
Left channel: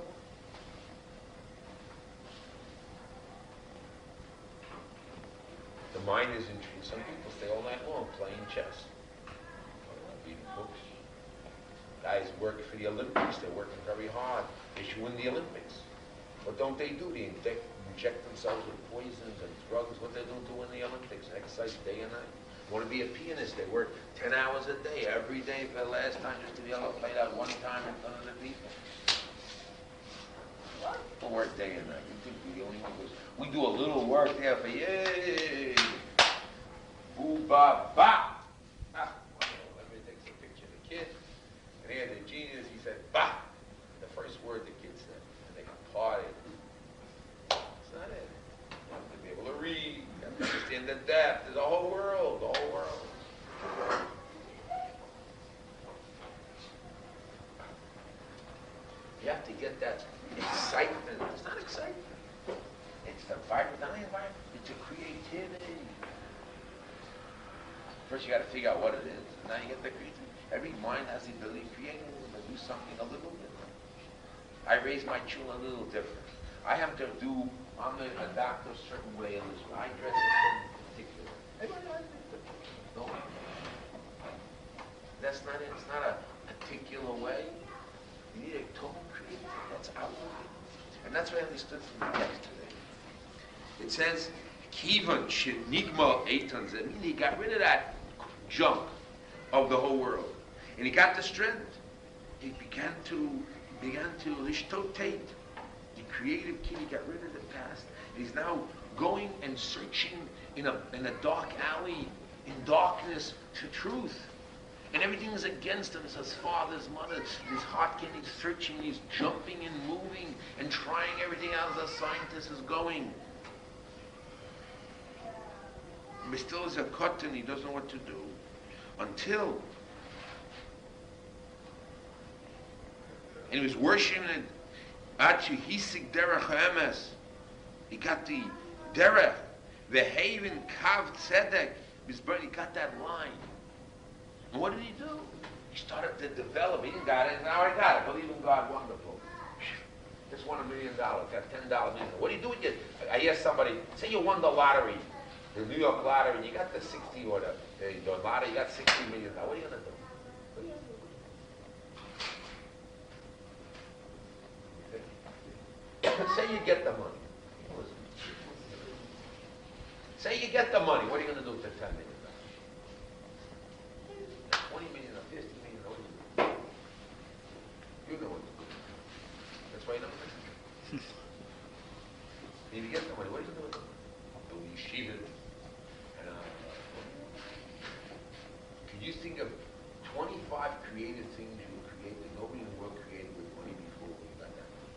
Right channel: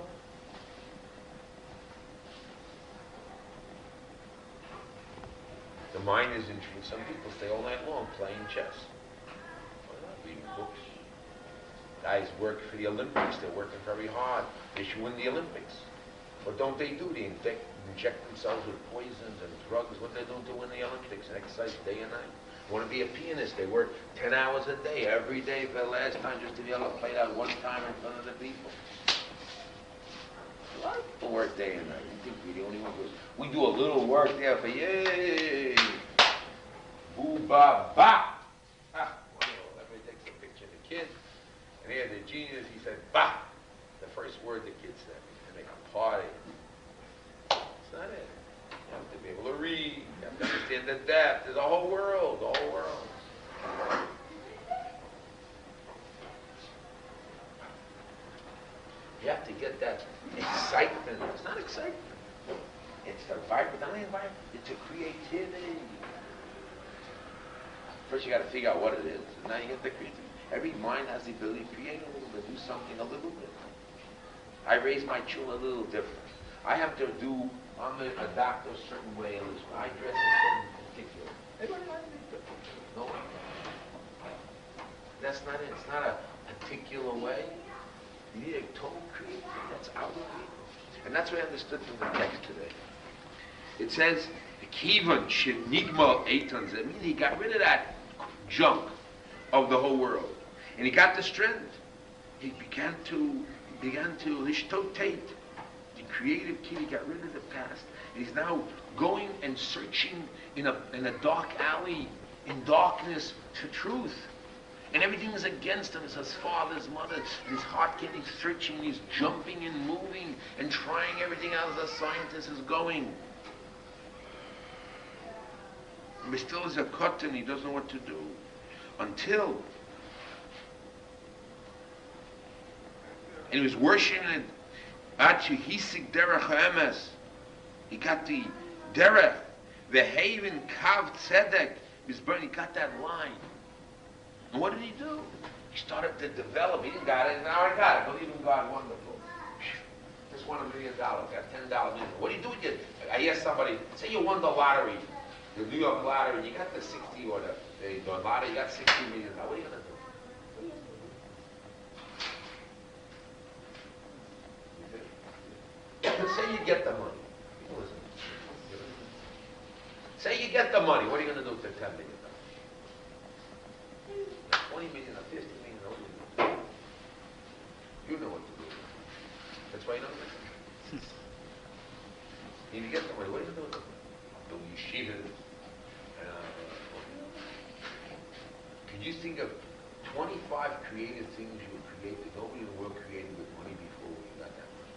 the mind is interesting. Some people stay all night long playing chess. Reading books. Guys work for the Olympics. They're working very hard. They should win the Olympics. What don't they do? They inject themselves with poisons and drugs. What they don't do in the Olympics? Exercise day and night. Want to be a pianist? They work 10 hours a day, every day for the last time, just to be able to play that one time in front of the people. A lot of people work day and night. You think we're the only ones? We do a little work there for yay, boo ba ba. Let me take a picture of the kid. And here the genius, he said ba. The first word the kid said, and they applauded. That's not it. You have to be able to read. You have to understand the depth. There's a whole world, the whole world. You have to get that excitement. It's not excitement. It's a vibrant, it's a creativity. First you got to figure out what it is. Now you get the creativity. Every mind has the ability to create a little bit, do something a little bit. I raise my children a little different. I have to adapt a certain way. I dress a certain particular. Everybody has to be no. That's not it. It's not a particular way. You need a total creativity. That's our way. And that's what I understood from the text today. It says, Kivan Nigma Eitans. That means he got rid of that junk of the whole world. And he got the strength. He began to lishtotate. The creative kid, he got rid of the past. And he's now going and searching in a dark alley, in darkness, for truth. And everything is against him. It's his father, his mother. His heart getting searching. He's jumping and moving and trying everything out as a scientist is going. But still is a cotton. He doesn't know what to do. Until. And he was worshiping it. Hisik derech ha'emes. He got the derech, the haven kav tzedek. He got that line. And what did he do? He started to develop. He didn't got it. Now I got it. Believe in God, wonderful. Just won $1 million. Got $10 million. What do you do with it? I asked somebody, say you won the lottery, the New York lottery. You got the 60 or the lottery. You got $60 million. What are you going to do? What are you going to do? Say you get the money. Say you get the money. What are you going to do with the $10 million? $20 million or $50 million, what do you do? You know what to do. That's why you don't listen. If you get the money, what are you going to do with the money? Do yeshivas. Can you think of 25 creative things you would create that nobody in the world created with money before we got that money?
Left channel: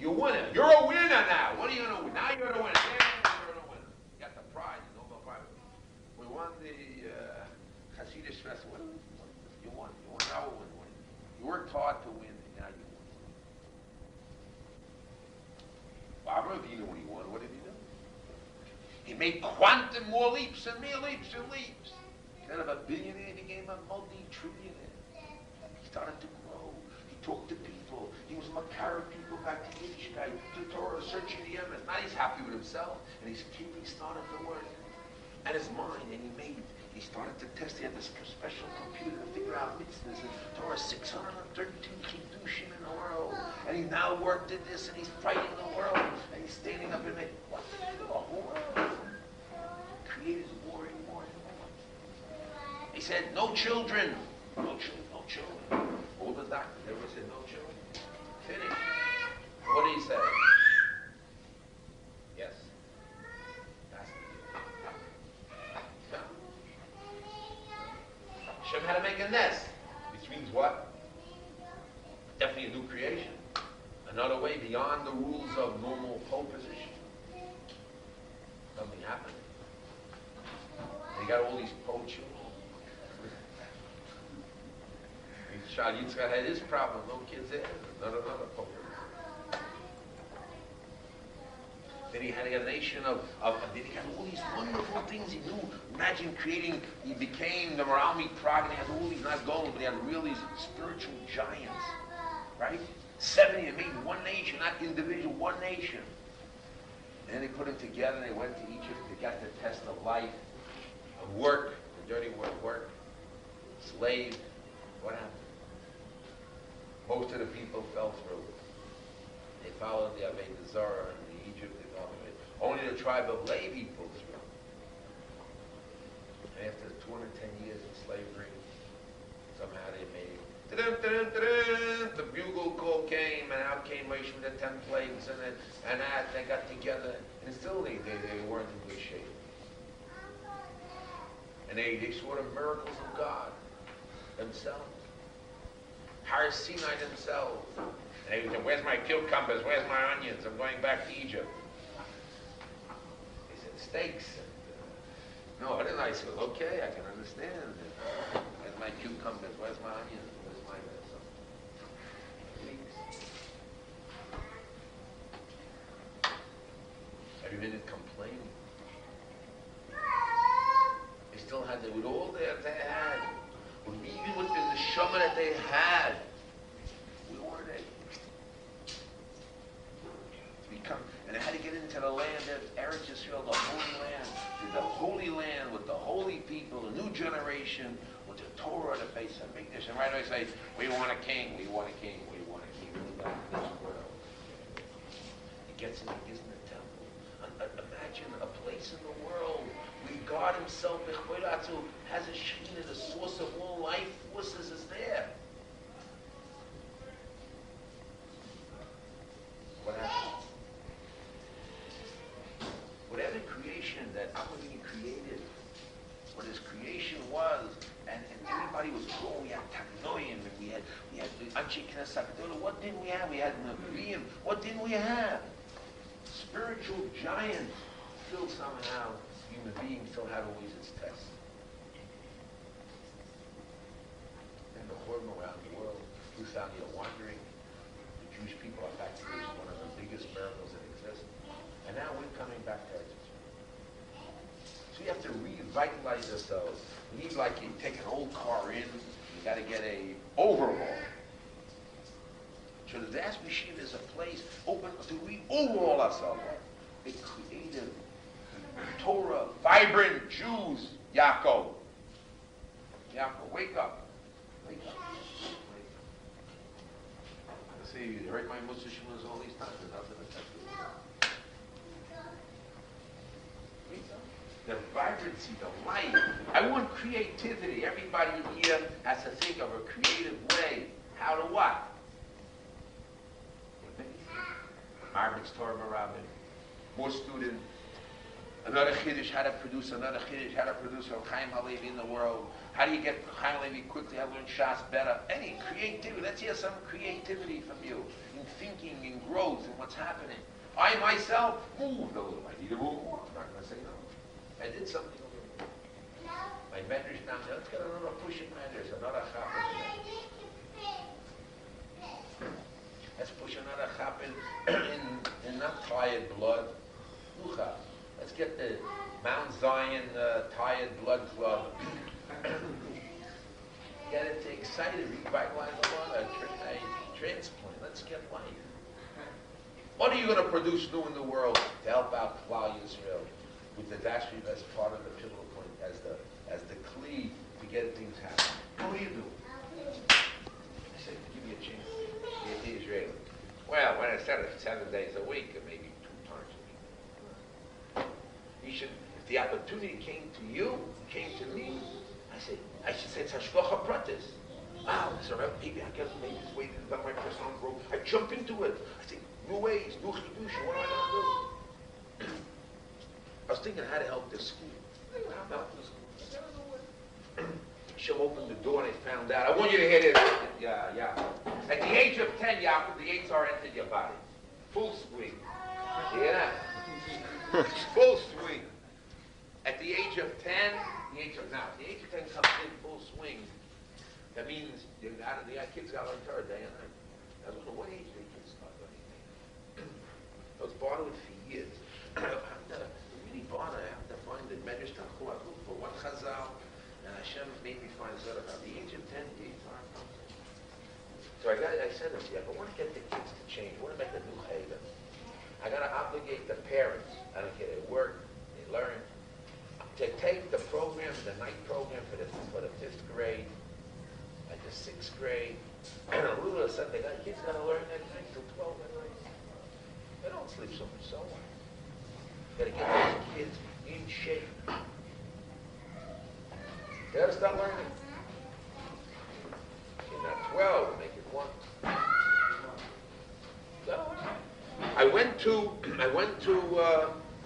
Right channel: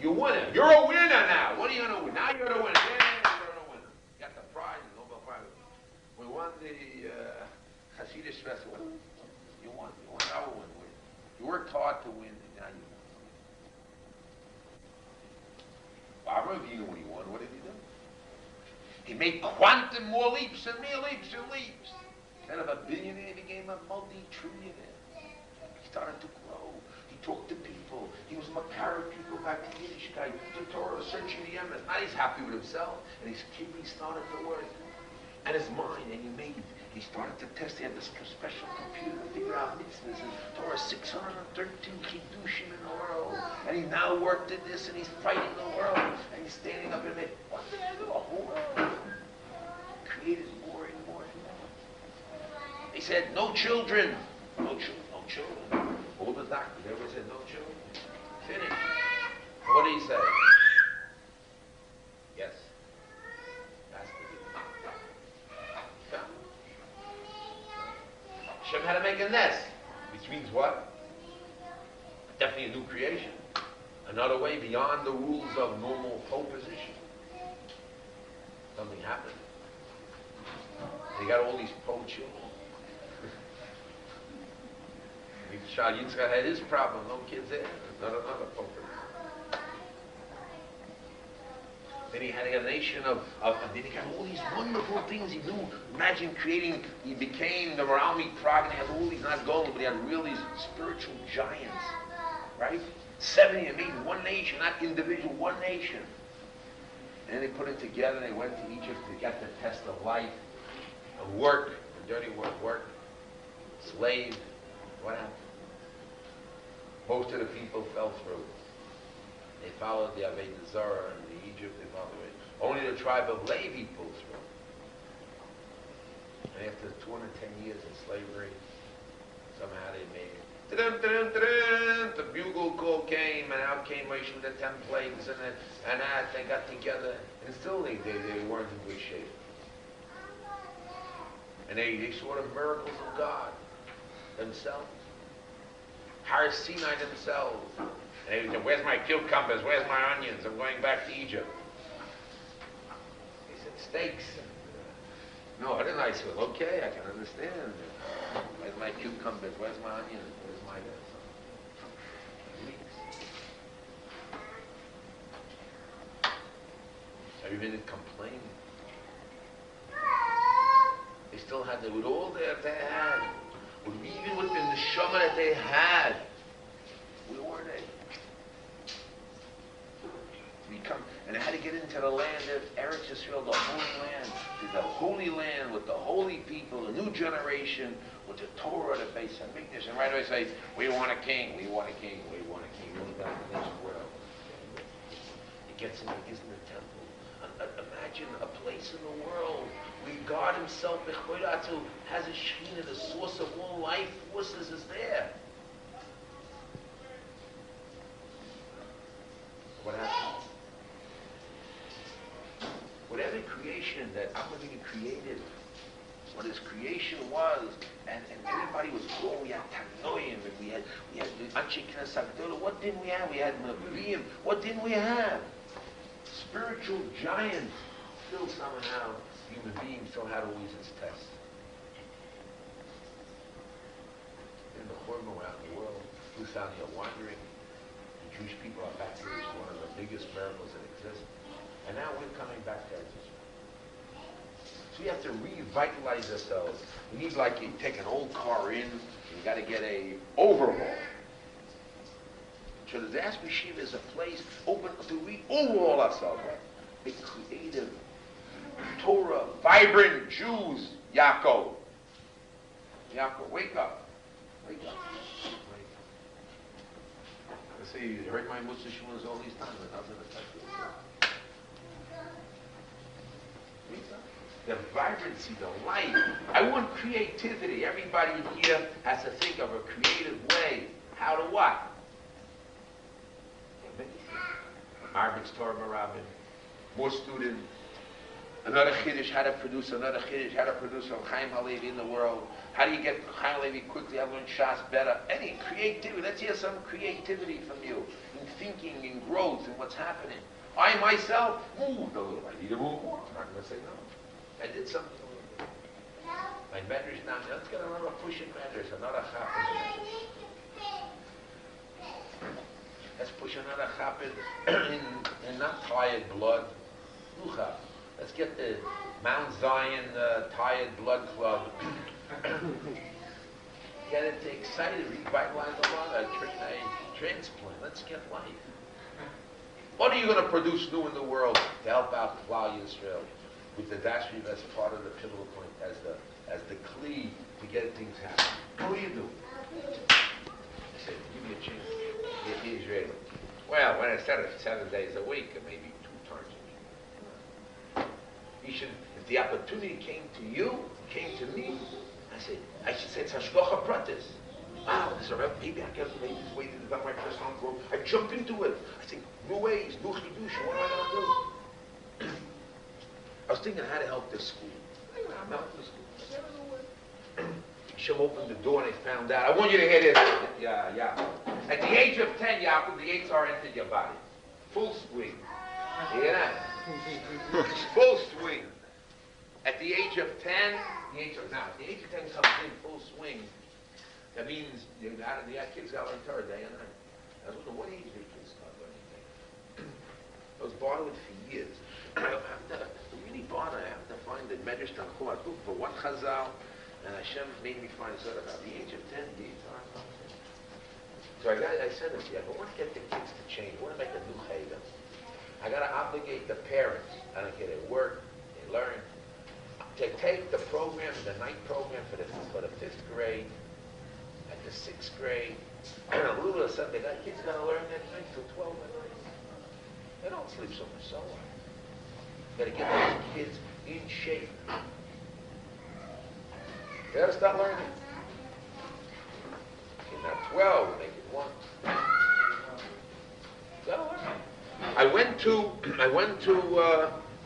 You're a winner. You're a winner now. What are you going to win? Now you're the winner. Yeah, you're a winner. You got the prize, the Nobel Prize. We won the Hasidic Festival. You won our win. You worked hard to win, and now you won. Barbara Vina, when he won, what did he do? He made quantum more leaps and more leaps and leaps. Instead of a billionaire, he became a multi-trillionaire. He started to grow. He talked to people. He was Makara people back to Yiddishkeit, to Torah, searching the emes. Now he's happy with himself, and his kidney started to work. And his mind, and he started to test. He had this special computer to figure out mitzvahs. And Torah 613 chidushim in the world. And he now worked at this, and he's fighting the world. And he's standing up and saying, what the hell? The whole world created more and more and more. He said, no children. No children, no children. All the doctors, everybody said, no children. Finish. What did he say? Yes. That's the deal. Hashem had to make a nest, which means what? Definitely a new creation. Another way beyond the rules of normal pole position. Something happened. And you got all these pole children. Yitzchak had his problem, no kids there, another pole position. Then he had a nation of then he got all these wonderful things he knew. Imagine creating, he became the Maralmi Prague, and he had all these, not gold, but he had really spiritual giants, right? 70, they made one nation, not individual, one nation. And then they put it together, and they went to Egypt, they got the test of life, of work, the dirty work, slave. What happened? Most of the people fell through. They followed the Avodah Zarah and the Egypt, they followed it. Only the tribe of Levi pulled through. And after 210 years of slavery, somehow they made it. The bugle call came, and out came Moshe with the 10 plagues, and that they got together, and still they weren't in good shape. And they saw the miracles of God themselves. Har Sinai themselves. And they said, where's my cucumbers? Where's my onions? I'm going back to Egypt. They said, steaks. And, no, then I said, okay, I can understand. Where's my cucumbers? Where's my onions? Where's my this? Every minute complaining. They still had, with all that they had, even with the neshama that they had, where were they? And they had to get into the land of Eretz Yisrael, the holy land with the holy people, the new generation, with the Torah, the Beis Hamikdash. And right away say, we want a king, we want a king, we want a king. He gets him, he gives him the temple. Imagine a place in the world where God himself, has a Shekhinah, the source of all life forces is there. What happens? Whatever creation that Amalek created, what his creation was, and everybody was growing. We had Tanoim, and we had Anshe Knesset Gdolah. What didn't we have? We had Nevi'im. What didn't we have? Spiritual giants. Still somehow, human beings still had always its test. In the Hormone out in the world, 2,000 year wandering, the Jewish people are back here is one of the biggest miracles that exist. And now we're coming back to Eretz Yisrael. So we have to revitalize ourselves. We need, like, you take an old car in, you got to get a overhaul. So the Diaspora Yeshiva is a place open to re-overhaul ourselves. A creative, Torah, vibrant Jews, Yaakov. Yaakov, wake up. Wake up. Wake up. I say, you heard my musar shiuros all these times, and nothing affects you. The vibrancy, the light. I want creativity. Everybody here has to think of a creative way. How to what? Margaret's Torah Marabin. More students. Another Chiddush, how to produce another Chiddush, how to produce a Chaim Halevi in the world. How do you get Chaim Halevi quickly? How to learn Shas better? Any creativity. Let's hear some creativity from you in thinking, in growth, in what's happening. I myself moved a little. I need to move more. I'm not going to say no. I did something a little bit. My medrash now, let's get another pushing medrash, another chap in the medrash. Let's push another chap in not tired blood. Rucha. Let's get the Mount Zion Tired Blood Club. Get it excited, revitalize the water, a transplant. Let's get life. What are you going to produce new in the world to help out Klal Yisrael with the Diaspora as part of the pivotal point, as the kli to get things happening? What do you do? I said, give me a chance to get the Israeli. Well, when I said it 7 days a week, or maybe 2 times a week. You should, if the opportunity came to you, came to me, I should say it's hashgacha pratis. So maybe I get maybe this way about my personal growth. I jump into it. I think new ways, new chidushim. What am I going to do? I was thinking how to help this school. I'm helping the school. I don't know what. Hashem opened the door and I found out. I want you to hear this. Yeah. At the age of 10, Yaakov, the Yitzhar entered your body. Full swing. You hear that? Full swing. At the age of 10, the age of 10 comes in full swing. That means the kids got to learn Torah day and night. I don't know what age the kids start learning day. I was bothered with for years. I have to really bother. I have to find the Medrash Tanchum. I look for one Chazal, and Hashem made me find sort of at the age of 10, the Yitzhar comes in. So I said to him, if I want to get the kids to change, I want to make a new Haven. I got to obligate the parents. I don't care, they work, they learn, to take the program, the night program for the 5th grade and the 6th grade. And a little bit of something, the kids got to learn that night till 12 at night. They don't sleep so much, so what? Got to get those kids in shape. They got to start learning. You're not 12, make it 1. So, I went to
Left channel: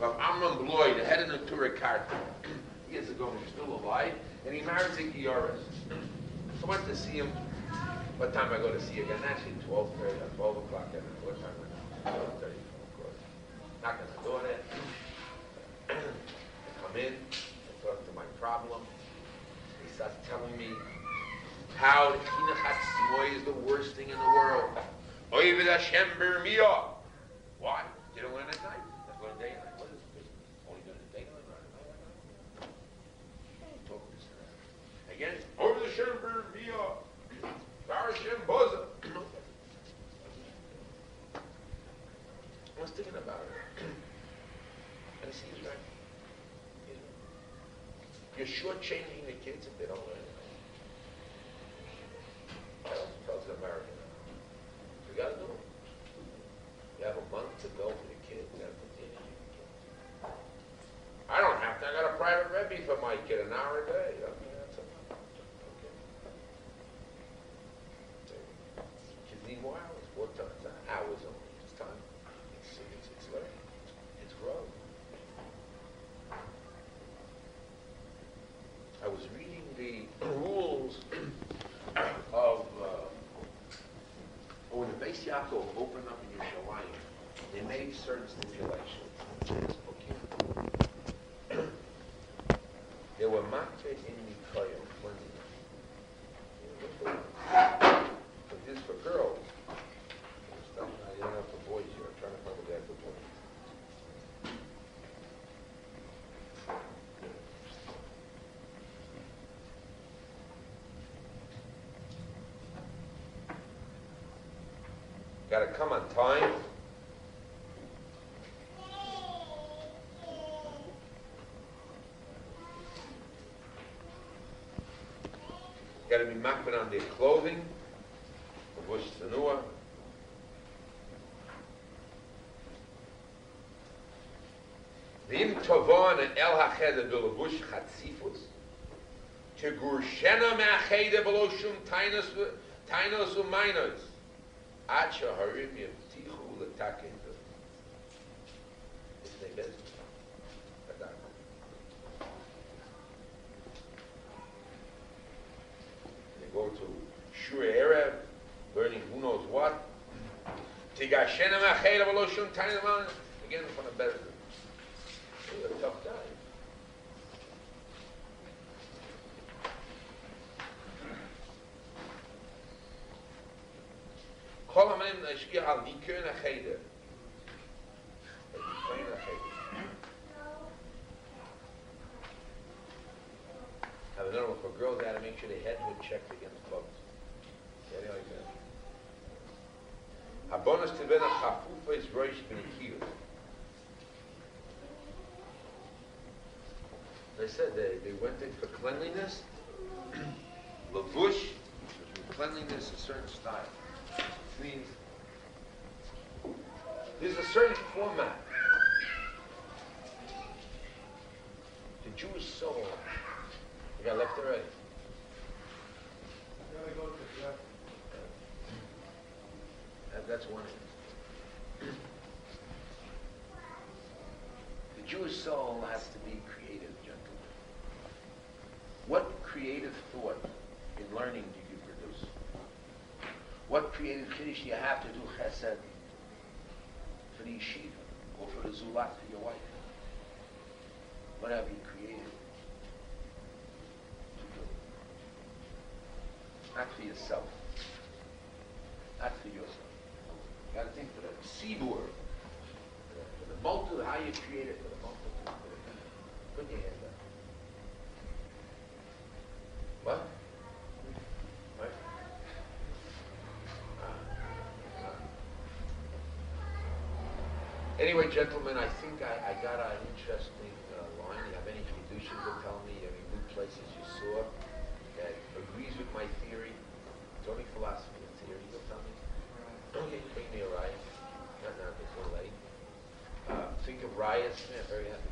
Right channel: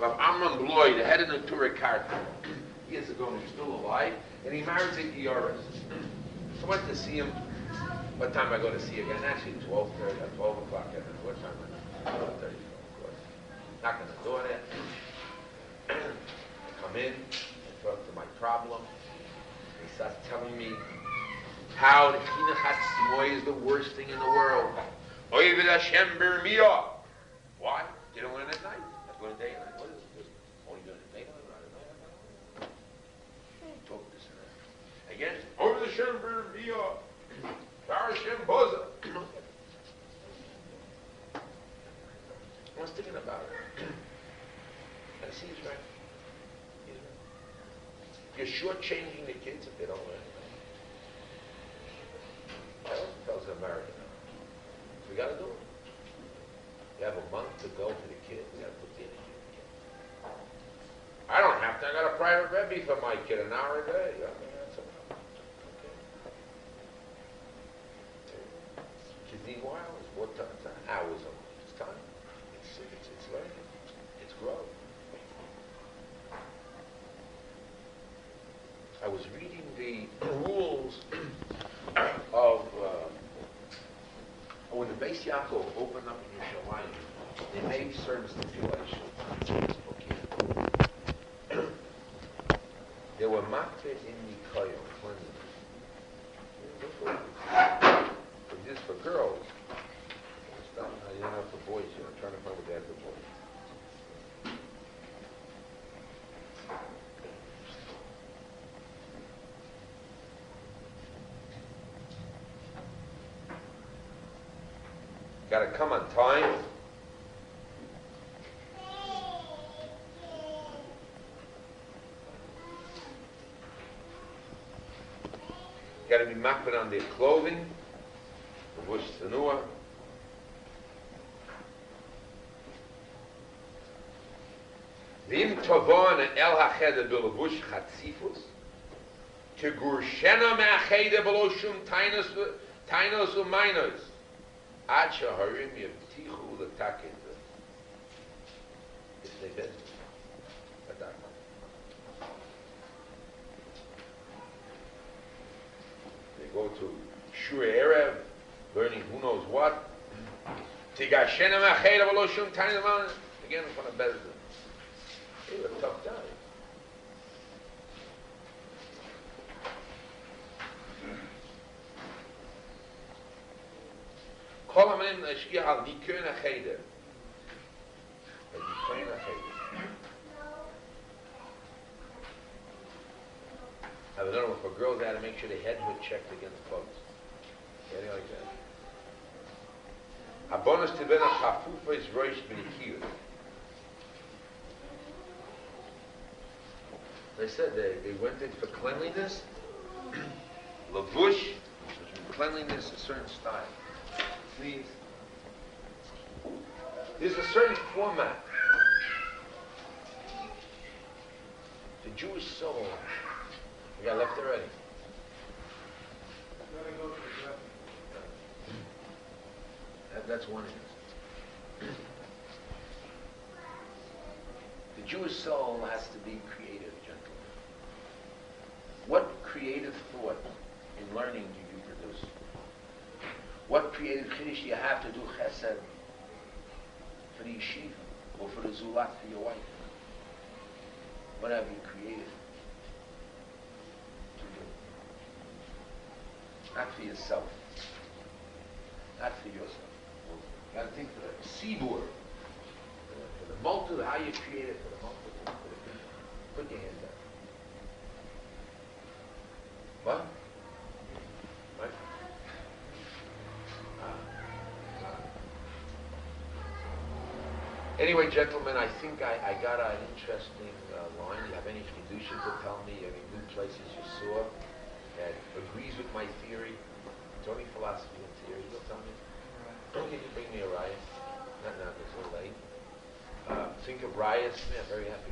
Amram Bloy, the head of the Torah Karta, years ago, he's still alive, and he married a Gioris. I went to see him. What time I go to see him again? Actually, 12:30, 12 o'clock. I don't know what time I 12:30, of course. Knock on the door there. I come in, I talk to my problem. He starts telling me how the Chinuch HaTzmoy is the worst thing in the world. Oived HaShem Bermiyah. Why? You don't learn at night. That's what day and night. What is it? Only during the day and night. Talk this around. Again, Oived HaShem Bermiyah. HaShem Botzer. I was thinking about it. And it seems right. You're shortchanging the kids if they don't learn. Tells the American. We got to do it. You have a month to go for the kid. We got to put the kid in. I don't have to. I got a private Rebbe for my kid, an hour a day. That's enough. Okay. Kids need more hours. What time? Not hours only. It's time. It's learning. It's growth. I was reading the rules of when the Beis Yaakov opened up in Yerushalayim, they made certain stipulations. Okay. They were makbid in Nikoyim, but this for girls. You don't have for boys here. I'm trying to find what they have for boys. Got to come on time. Got to be makbid on their clothing, the bush tzenua. V'im tovon el hacheder b'levush chatzifus, tegurshena me'acheder b'lo shum tainos u'mainos. Ad shaharim yevtichu l'takin. It's the best. They go to Shur Erev, learning who knows what. Tigashena ma'acheder v'lo shum tainos u'mainos. Again, in front of better. He's a tough guy. Kol ha'menim l'ashkiach al nikun ha'cheder. Nikun ha'cheder. I don't know if a girl had to make sure the head was checked against clothes. Anything like that. Habonos tevena chafufa is rosh b'nekiyut. They said they went in for cleanliness. Lavush, which means cleanliness, a certain style. Please. There's a certain format. The Jewish soul. You got left already. That's one end. The Jewish soul has to be creative, gentlemen. What creative thought in learning do you produce? What creative chiddush do you have to do chesed for the yeshiva or for the zulat for your wife? What have you created to do? Not for yourself. Not for yourself. You got to think for the tzibur, for the multitude, how you create it for the multitude, for the people. Put your hands up. What? What? Anyway, gentlemen, I think I got an interesting line. You have any fiducians to tell me, any new places you saw that agrees with my theory? It's only philosophy and theory. You'll tell me. Can you bring me a riot? Not now, it's a little late. Think of riots. Man, very happy.